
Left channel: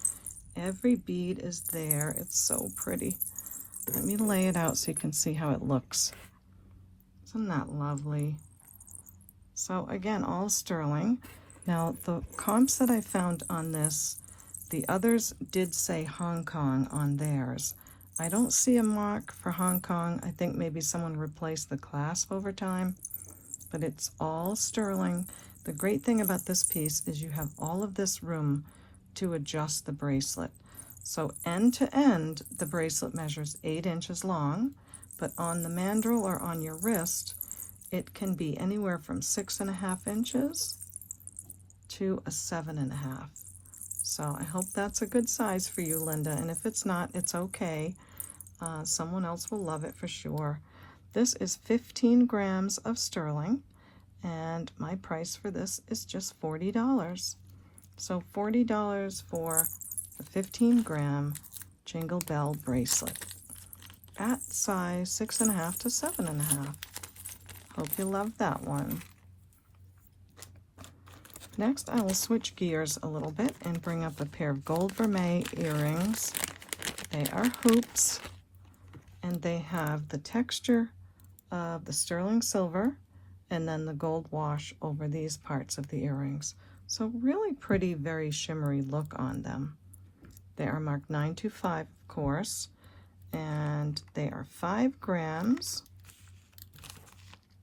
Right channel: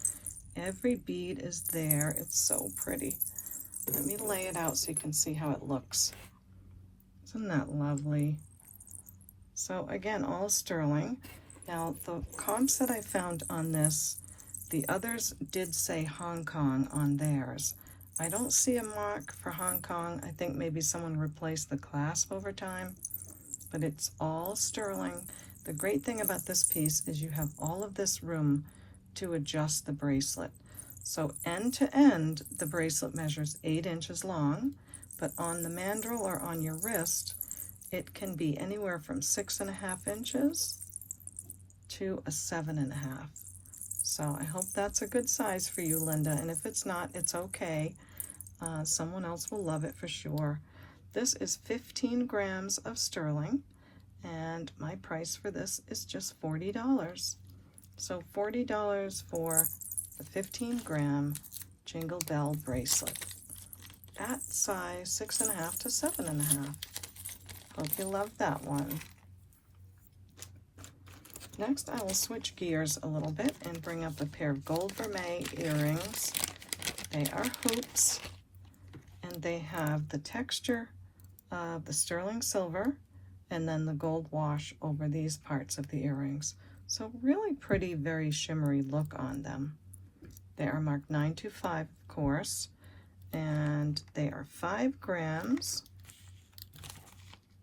Every bead is there. It's so pretty. Let me lay it out so you can see how it looks. Isn't that lovely? So again, all sterling. Now, the comps that I found on this, the others did say Hong Kong on theirs. I don't see a mark for Hong Kong. I think maybe someone replaced the clasp over time, but it's all sterling. The great thing about this piece is you have all of this room to adjust the bracelet. So end to end, the bracelet measures 8 inches long, but on the mandrel or on your wrist, it can be anywhere from 6.5 inches to a 7.5. So I hope that's a good size for you, Linda, and if it's not, it's okay. Someone else will love it for sure. This is 15 grams of sterling, and my price for this is just $40. So $40 for the 15-gram Jingle Bell bracelet at size 6.5 to 7.5. Hope you love that one. Next, I will switch gears a little bit and bring up a pair of gold vermeil earrings. They are hoops, and they have the texture of the sterling silver and then the gold wash over these parts of the earrings. So really pretty, very shimmery look on them. They are marked 925, of course, and they are 5 grams.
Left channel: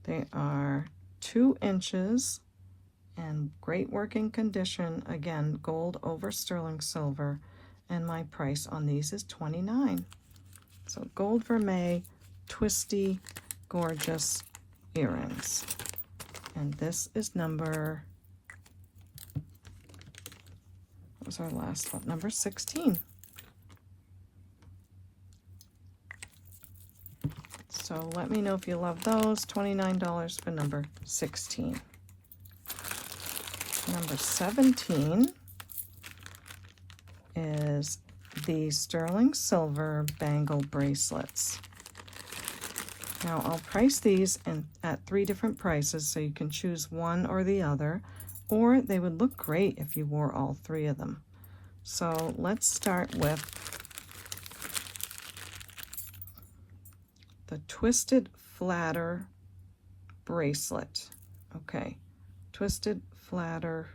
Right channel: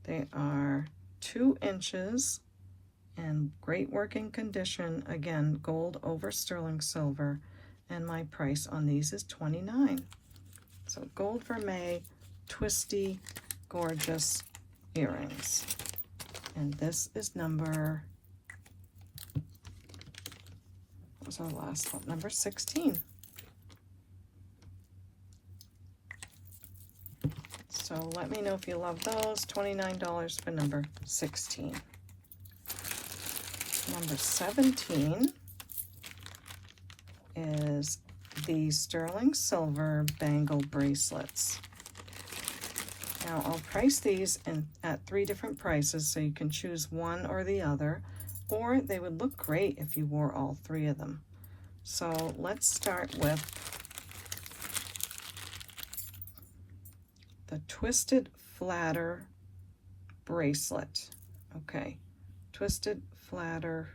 They are 2 inches and great working condition. Again, gold over sterling silver, and my price on these is $29. So gold vermeil, twisty, gorgeous earrings. And this is number, what was our last one? Number 16. So let me know if you love those. $29 for number 16. Number 17 is the sterling silver bangle bracelets. Now I'll price these at 3 different prices, so you can choose one or the other, or they would look great if you wore all 3 of them. So let's start with the Twisted Flatter bracelet. Okay, Twisted Flatter.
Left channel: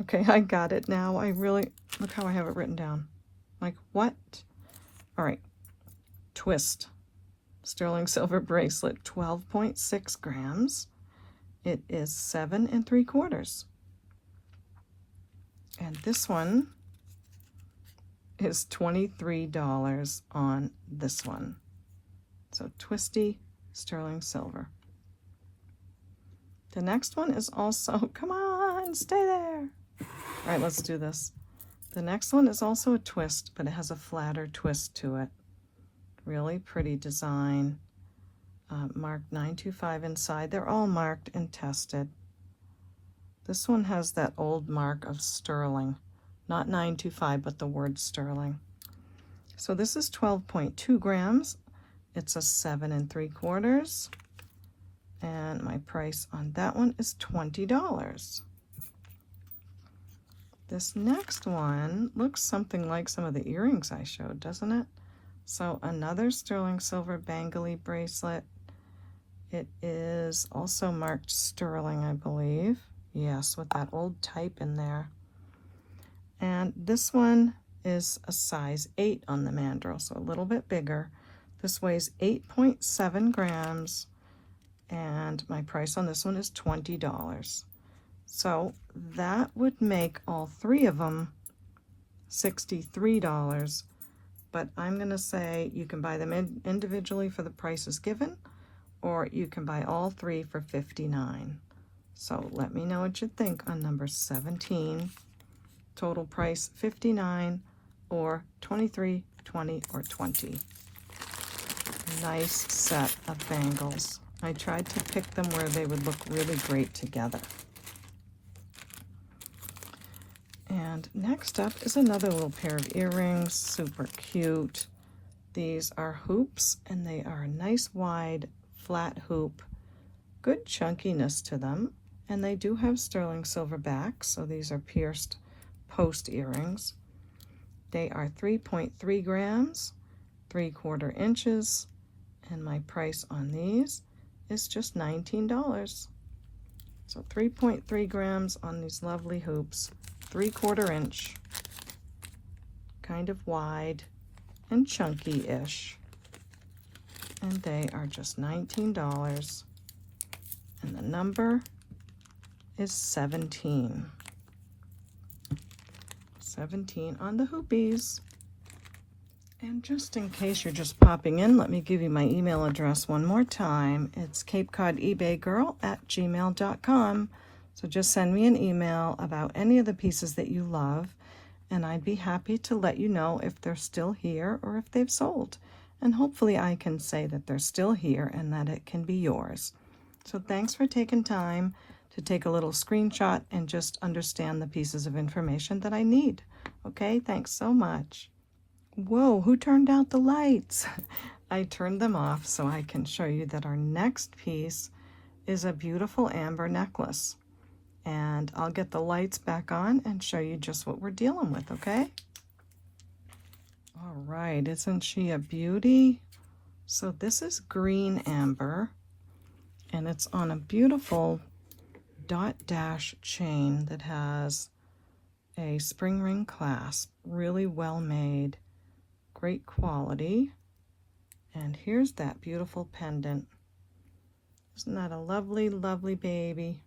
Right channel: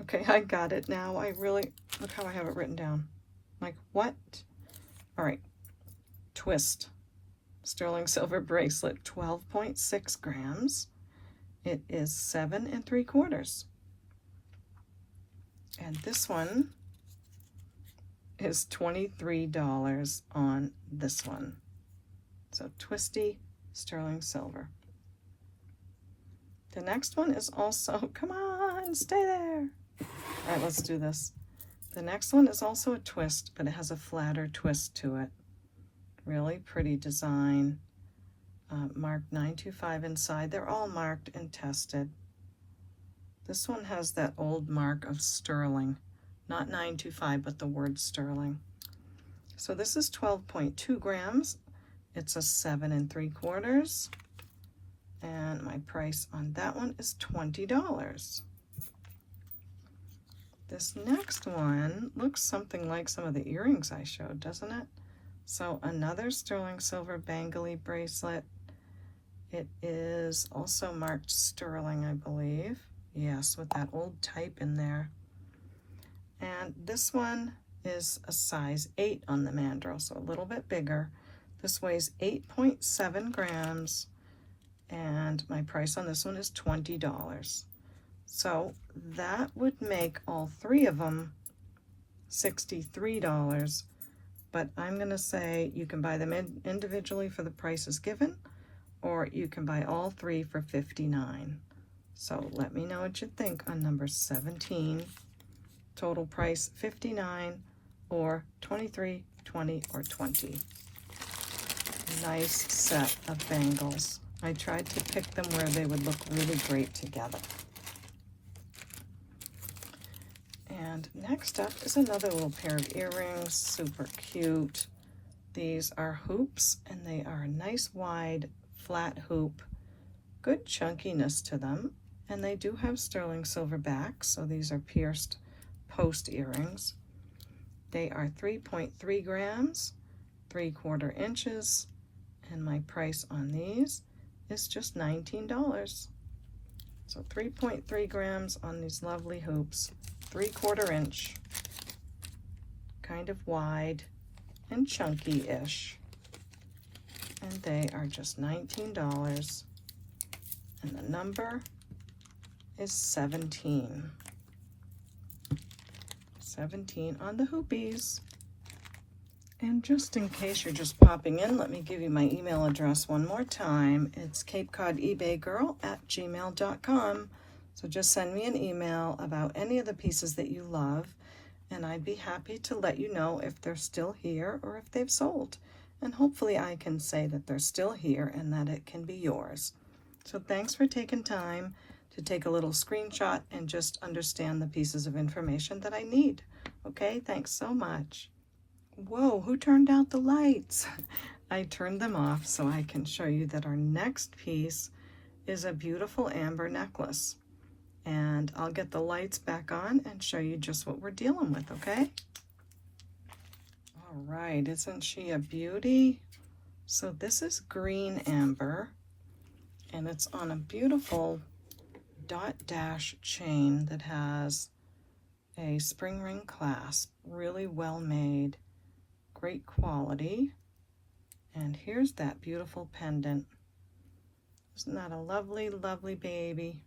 Okay, I got it now. I really, look how I have it written down. Like, what? All right, twist. Sterling silver bracelet, 12.6 grams. It is 7 3/4. And this one is $23 on this one. So twisty sterling silver. The next one is also, come on, stay there. All right, let's do this. The next one is also a twist, but it has a flatter twist to it. Really pretty design. Marked 925 inside. They're all marked and tested. This one has that old mark of sterling, not 925, but the word sterling. So this is 12.2 grams. It's a 7 3/4. And my price on that one is $20. This next one looks something like some of the earrings I showed, doesn't it? So another sterling silver bangly bracelet. It is also marked sterling, I believe. Yes, with that old type in there. And this one is a size 8 on the mandrel, so a little bit bigger. This weighs 8.7 grams, and my price on this one is $20. So that would make all three of them $63, but I'm going to say you can buy them individually for the prices given, or you can buy all three for $59. So let me know what you think on number 17. Total price $59 or $23, $20, or $20. Nice set of bangles. I tried to pick them where they would look really great together. And next up is another little pair of earrings, super cute. These are hoops, and they are a nice wide flat hoop, good chunkiness to them, and they do have sterling silver backs, so these are pierced post earrings. They are 3.3 grams, 3/4 inches, and my price on these is just $19. So 3.3 grams on these lovely hoops, 3/4 inch, kind of wide and chunky-ish. And they are just $19. And the number is 17. 17 on the hoopies. And just in case you're just popping in, let me give you my email address one more time. It's CapeCodEbayGirl@gmail.com. So just send me an email about any of the pieces that you love, and I'd be happy to let you know if they're still here or if they've sold. And hopefully I can say that they're still here and that it can be yours. So thanks for taking time to take a little screenshot and just understand the pieces of information that I need. Okay, thanks so much. Whoa, who turned out the lights? I turned them off so I can show you that our next piece is a beautiful amber necklace. And I'll get the lights back on and show you just what we're dealing with, okay? All right, isn't she a beauty? So this is green amber, and it's on a beautiful dot dash chain that has a spring ring clasp, really well made, great quality. And here's that beautiful pendant. Isn't that a lovely, lovely baby?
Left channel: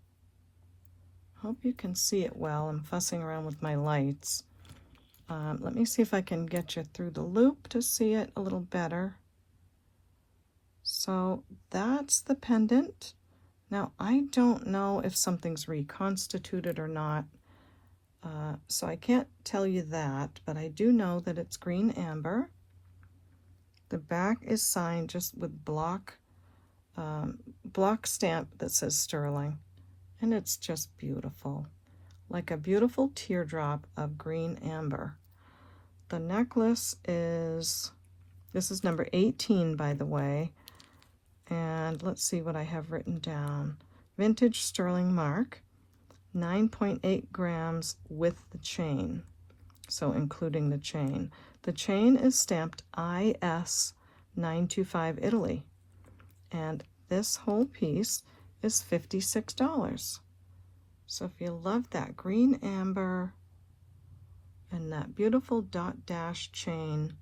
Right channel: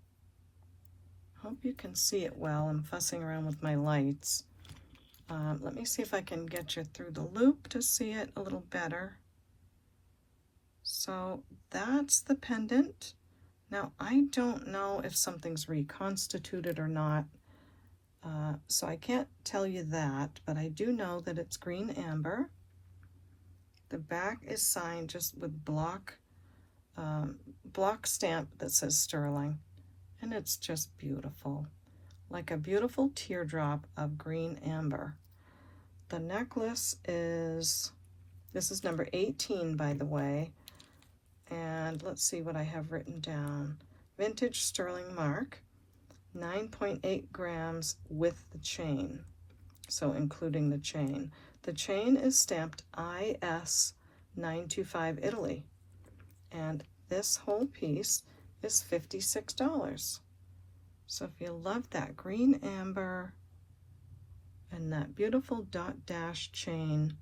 Hope you can see it well. I'm fussing around with my lights. Let me see if I can get you through the loop to see it a little better. So that's the pendant. Now I don't know if something's reconstituted or not, so I can't tell you that, but I do know that it's green amber. The back is signed just with block stamp that says sterling, and it's just beautiful, like a beautiful teardrop of green amber. The necklace is, this is number 18, by the way, and let's see what I have written down. Vintage sterling mark, 9.8 grams with the chain, so including the chain. The chain is stamped IS 925 Italy, and this whole piece is $56. So if you love that green amber and that beautiful dot dash chain,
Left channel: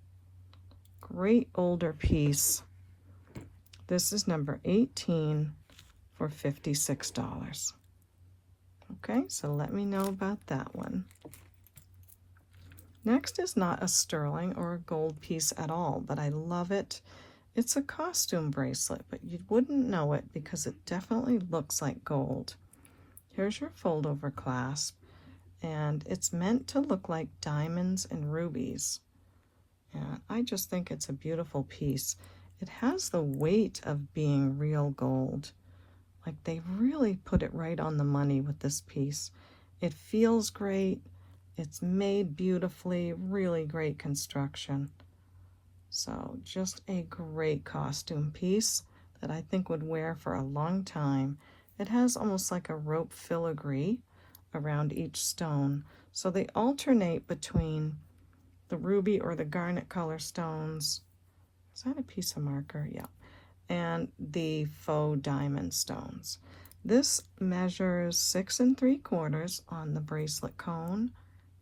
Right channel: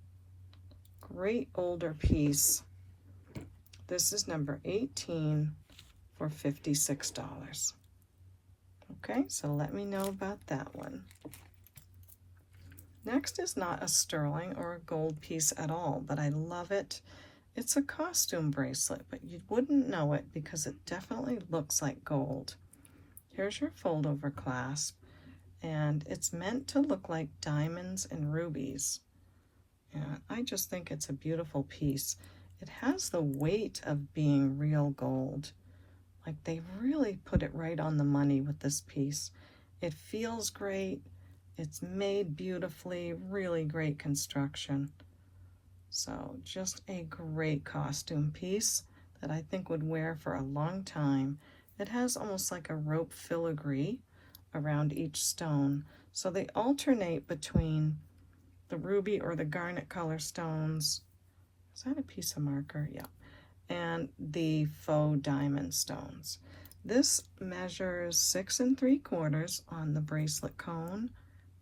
great older piece. This is number 18 for $56. Okay, so let me know about that one. Next is not a sterling or a gold piece at all, but I love it. It's a costume bracelet, but you wouldn't know it because it definitely looks like gold. Here's your fold-over clasp, and it's meant to look like diamonds and rubies. And I just think it's a beautiful piece. It has the weight of being real gold. Like, they really put it right on the money with this piece. It feels great. It's made beautifully, really great construction. So just a great costume piece that I think would wear for a long time. It has almost like a rope filigree around each stone. So they alternate between the ruby or the garnet color stones. Is that a piece of marker? Yeah. And the faux diamond stones. This measures 6 3/4 on the bracelet cone.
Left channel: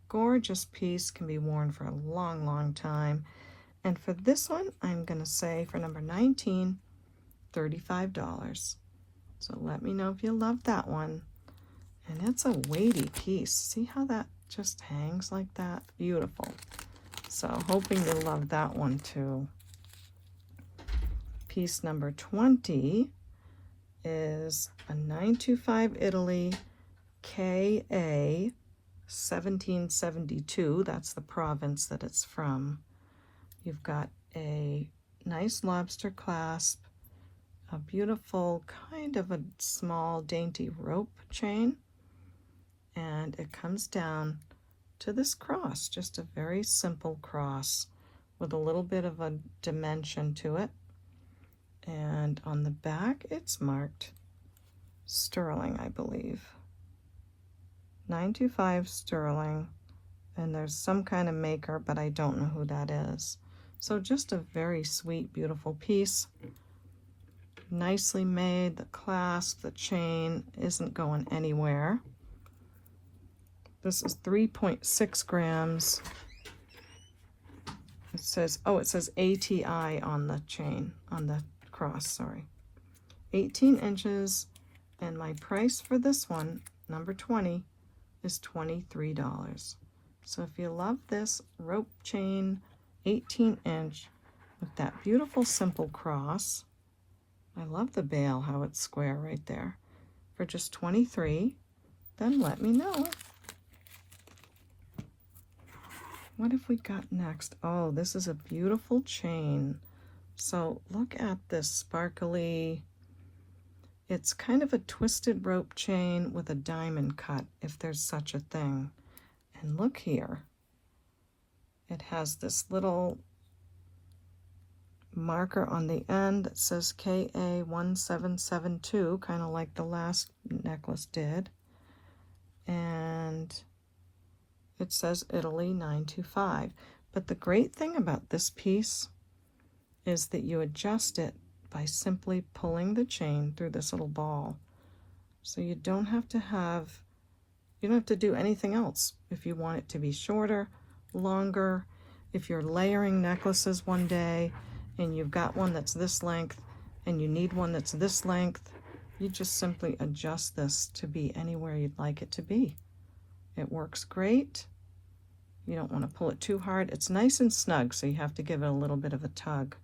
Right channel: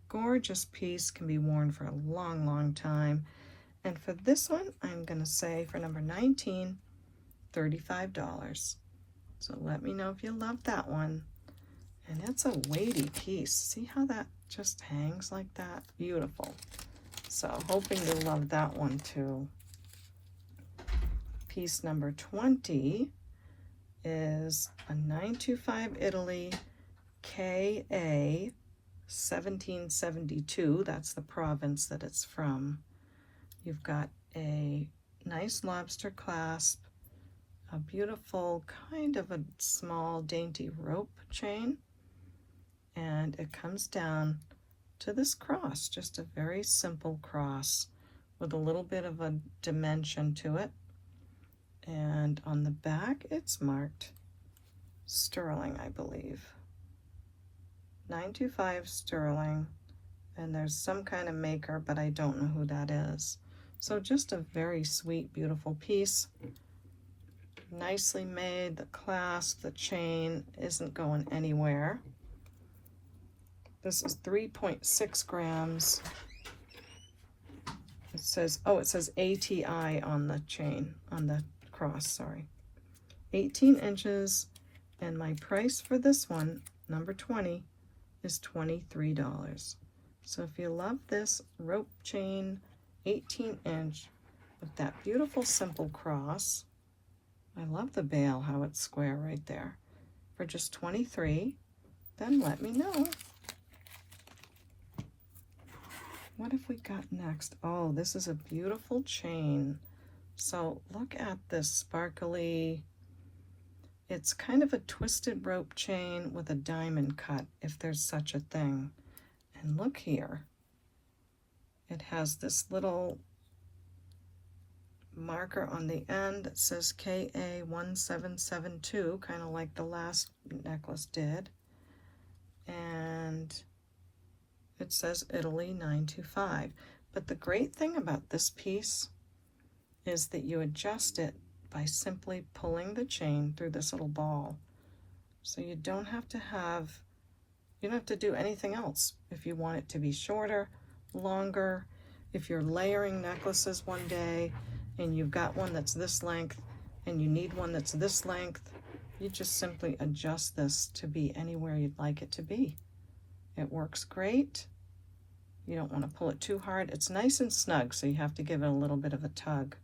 Gorgeous piece, can be worn for a long, long time. And for this one, I'm going to say for number 19, $35. So let me know if you love that one. And it's a weighty piece. See how that just hangs like that? Beautiful. So hoping you love that one too. Piece number 20 is a 925 Italy KA 1772. That's the province that it's from. You've got a nice lobster clasp, a beautiful kind of a small dainty rope chain, and it comes down to this cross, just a very simple cross with a little bit of a dimension to it. And on the back, it's marked sterling, I believe. 925 sterling, and there's some kind of maker, but I don't know who that is. So just a very sweet, beautiful piece. Nicely made. The clasp, the chain isn't going anywhere. This is 3.6 grams. It says, oh, it says ATI on the chain, on the cross, sorry. 18 inches, and my price for this one, number 20, is $23. So if you love this rope chain, 18-inch, with that beautiful simple cross, I love the bail, how it's square right there, for just $23, then let me know. What have we got next? Oh, this is a beautiful chain. So look at this sparkly, it's kind of a twisted rope chain with a diamond cut, if there's such a thing. And look here, it has this little marker on the end that says KA1772, kind of like the last necklace did. And it says Italy 925. But the great thing about this piece is that you adjust it by simply pulling the chain through this little ball. So you don't have to do anything else. If you want it to be shorter, longer, if you're layering necklaces one day and you've got one that's this length and you need one that's this length, you just simply adjust this to be anywhere you'd like it to be. It works great. You don't want to pull it too hard. It's nice and snug, so you have to give it a little bit of a tug.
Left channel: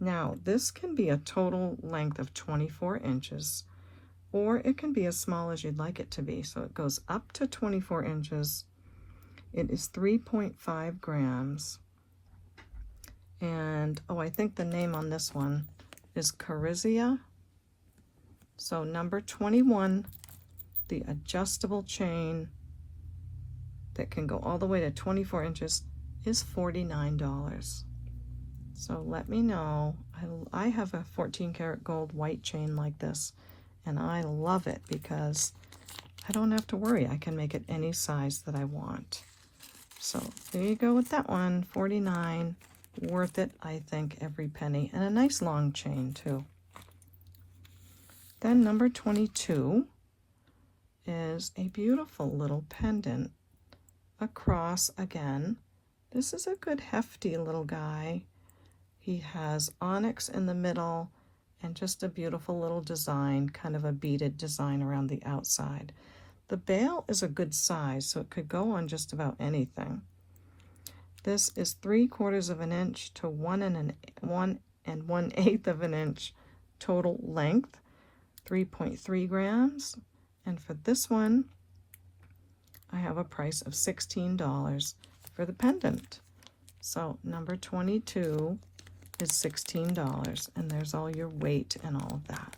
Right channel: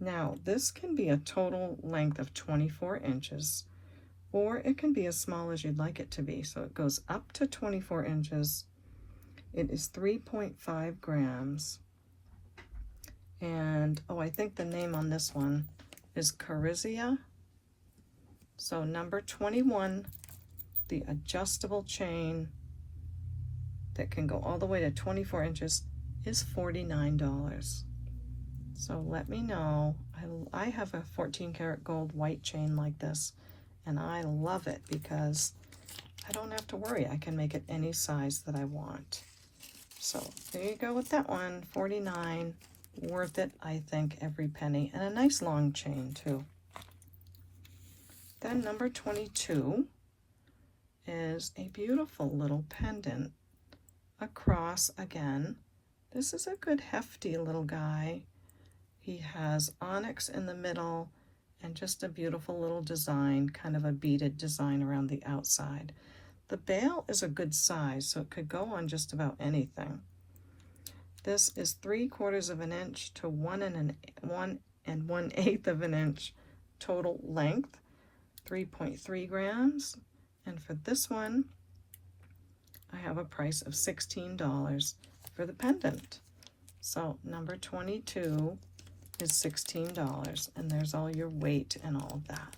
Now, this can be a total length of 24 inches, or it can be as small as you'd like it to be. So it goes up to 24 inches. It is 3.5 grams. And, oh, I think the name on this one is Prissy. So number 21, the adjustable chain that can go all the way to 24 inches is $49. So let me know. I have a 14 karat gold white chain like this, and I love it because I don't have to worry. I can make it any size that I want. So there you go with that one, $49. Worth it, I think, every penny, and a nice long chain too. Then number 22 is a beautiful little pendant, a cross again. This is a good hefty little guy, He has onyx in the middle and just a beautiful little design, kind of a beaded design around the outside. The bail is a good size, so it could go on just about anything. This is 3/4 of an inch to 1 1/8 of an inch total length, 3.3 grams. And for this one, I have a price of $16 for the pendant. So number 22 is $16, and there's all your weight and all of that.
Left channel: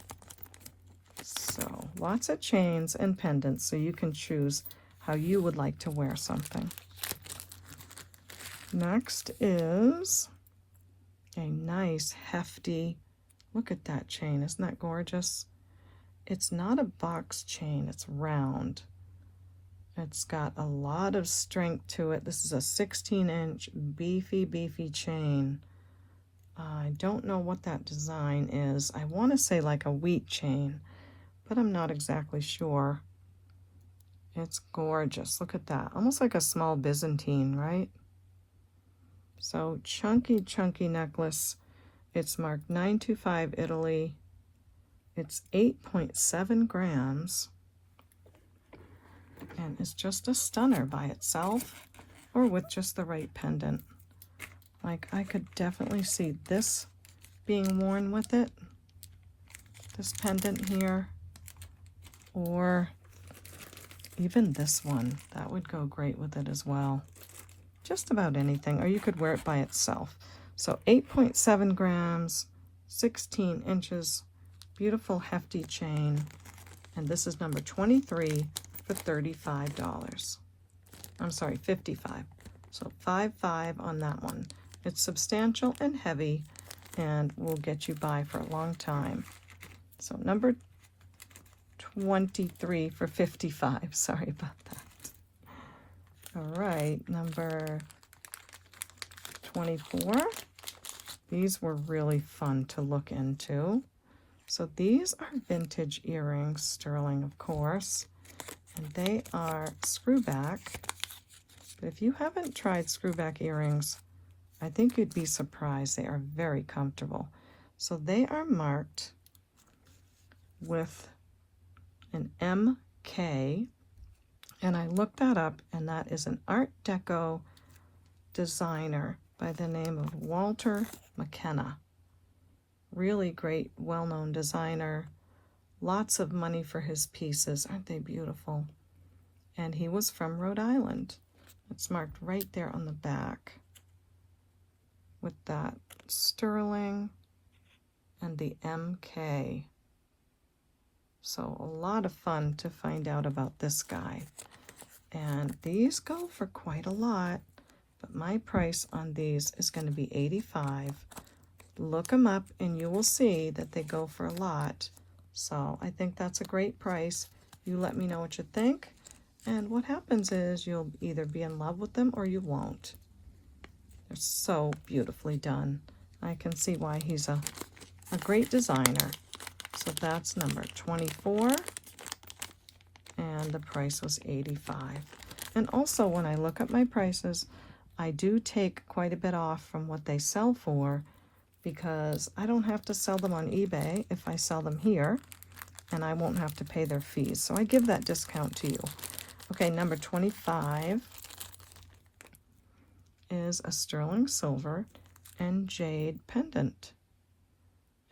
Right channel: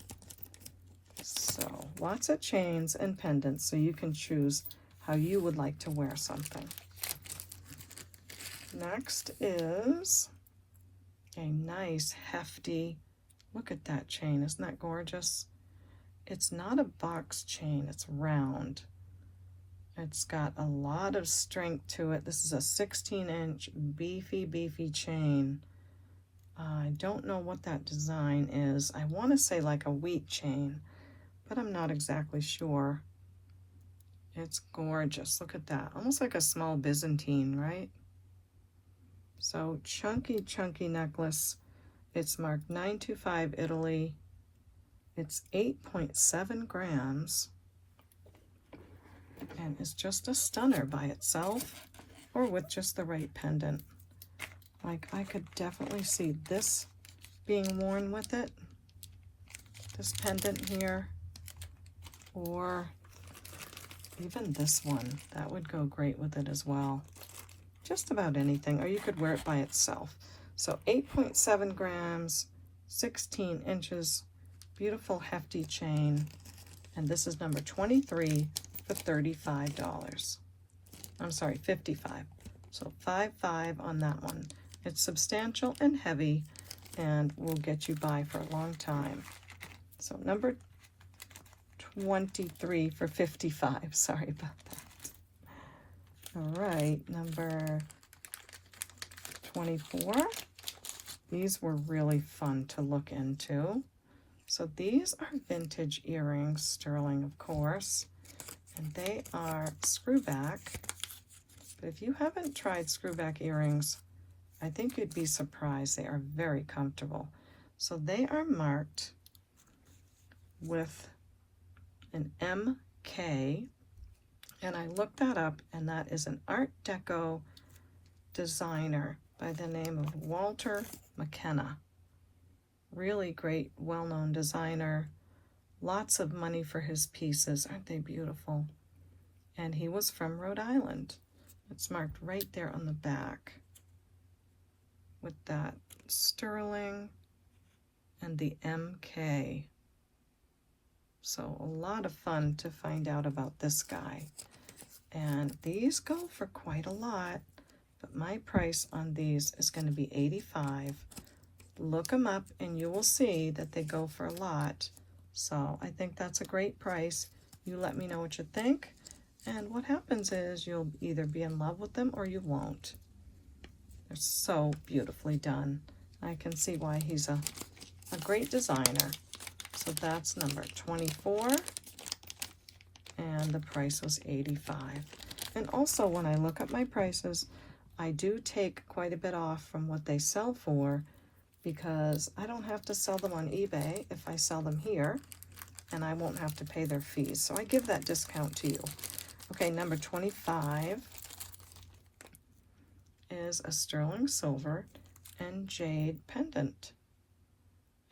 So lots of chains and pendants, so you can choose how you would like to wear something. Next is a nice hefty, look at that chain, isn't that gorgeous? It's not a box chain, it's round. It's got a lot of strength to it. This is a 16-inch beefy chain. I don't know what that design is. I want to say like a wheat chain, but I'm not exactly sure. It's gorgeous. Look at that. Almost like a small Byzantine, right? So chunky necklace. It's marked 925 Italy. It's 8.7 grams. And it's just a stunner by itself or with just the right pendant. Like, I could definitely see this being worn with it, this pendant here, or even this one. That would go great with it as well. Just about anything, or you could wear it by itself. So 8.7 grams, 16 inches, beautiful hefty chain, and this is number 23 for $35. I'm sorry, 55. So 55 on that one. It's substantial and heavy and will get you by for a long time. So number 23 for 55. Sorry about that. All right, number 24. These were really fun to look into. So these are vintage earrings, sterling of course, and they are screwback. But if you haven't tried screwback earrings, I think you'd be surprised. They are very comfortable. So they are marked with an MK, and I looked that up, and that is an Art Deco designer by the name of Walter McKenna. Really great, well-known designer. Lots of money for his pieces. Aren't they beautiful? And he was from Rhode Island. It's marked right there on the back with that sterling and the MK. So a lot of fun to find out about this guy. And these go for quite a lot, but my price on these is going to be $85. Look them up and you will see that they go for a lot. So I think that's a great price. You let me know what you think. And what happens is you'll either be in love with them or you won't. They're so beautifully done. I can see why he's a great designer. So that's number 24. And the price was $85. And also when I look at my prices, I do take quite a bit off from what they sell for, because I don't have to sell them on eBay if I sell them here, and I won't have to pay their fees. So I give that discount to you. Okay, number 25 is a sterling silver and jade pendant.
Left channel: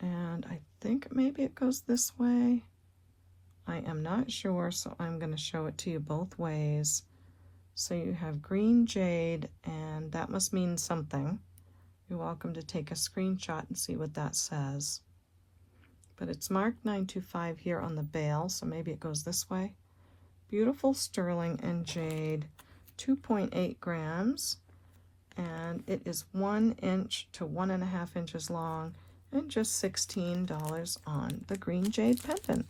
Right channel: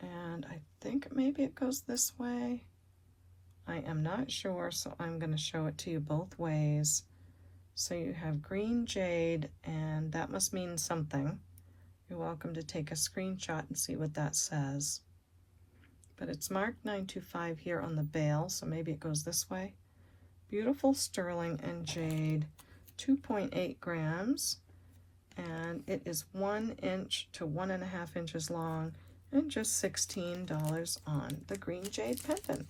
And I think maybe it goes this way. I am not sure, so I'm going to show it to you both ways. So you have green jade, and that must mean something. You're welcome to take a screenshot and see what that says. But it's marked 925 here on the bail, so maybe it goes this way. Beautiful sterling and jade, 2.8 grams, and it is 1 inch to 1.5 inches long, and just $16 on the green jade pendant.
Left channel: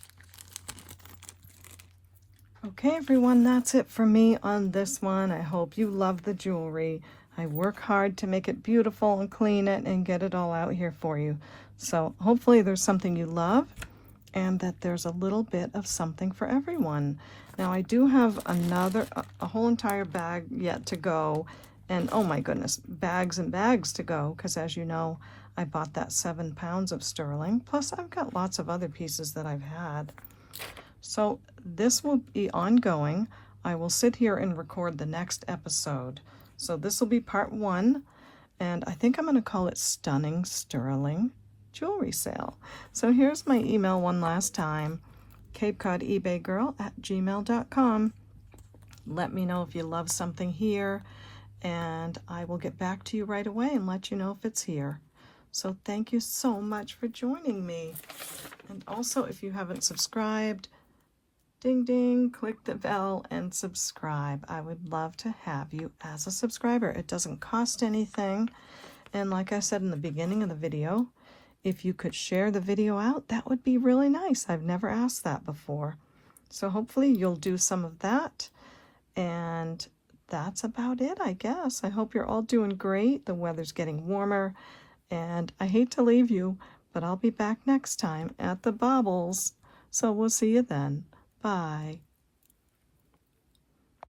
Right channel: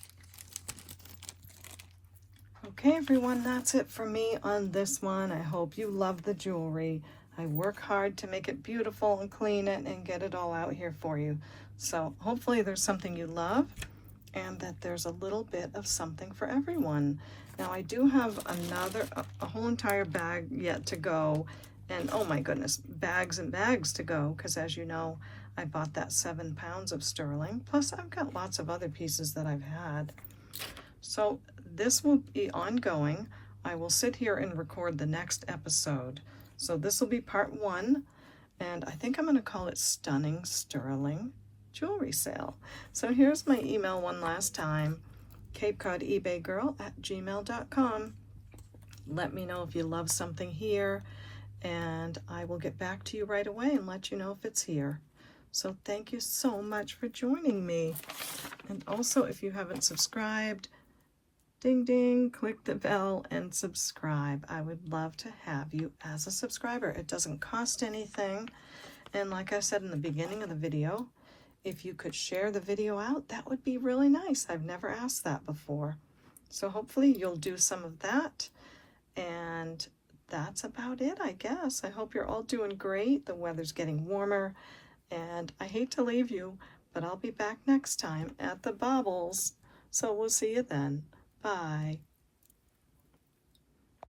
Okay, everyone, that's it for me on this one. I hope you love the jewelry. I work hard to make it beautiful and clean it and get it all out here for you. So hopefully there's something you love and that there's a little bit of something for everyone. Now I do have a whole entire bag yet to go, And oh my goodness, bags and bags to go, because as you know, I bought that 7 pounds of sterling. Plus I've got lots of other pieces that I've had. So this will be ongoing. I will sit here and record the next episode. So this will be part 1, and I think I'm going to call it Stunning Sterling Jewelry Sale. So here's my email one last time, CapeCodEbayGirl@gmail.com. Let me know if you love something here, and I will get back to you right away and let you know if it's here. So thank you so much for joining me. And also, if you haven't subscribed, ding ding, click the bell and subscribe. I would love to have you as a subscriber. It doesn't cost anything. And like I said in the beginning of the video, if you could share the video out, that would be really nice. I've never asked that before. So hopefully you'll do some of that. And that's about it, I guess. I hope you're all doing great. The weather's getting warmer. And I hate to leave you, but I'll be back next time at the Baubles. So we'll see you then. Bye.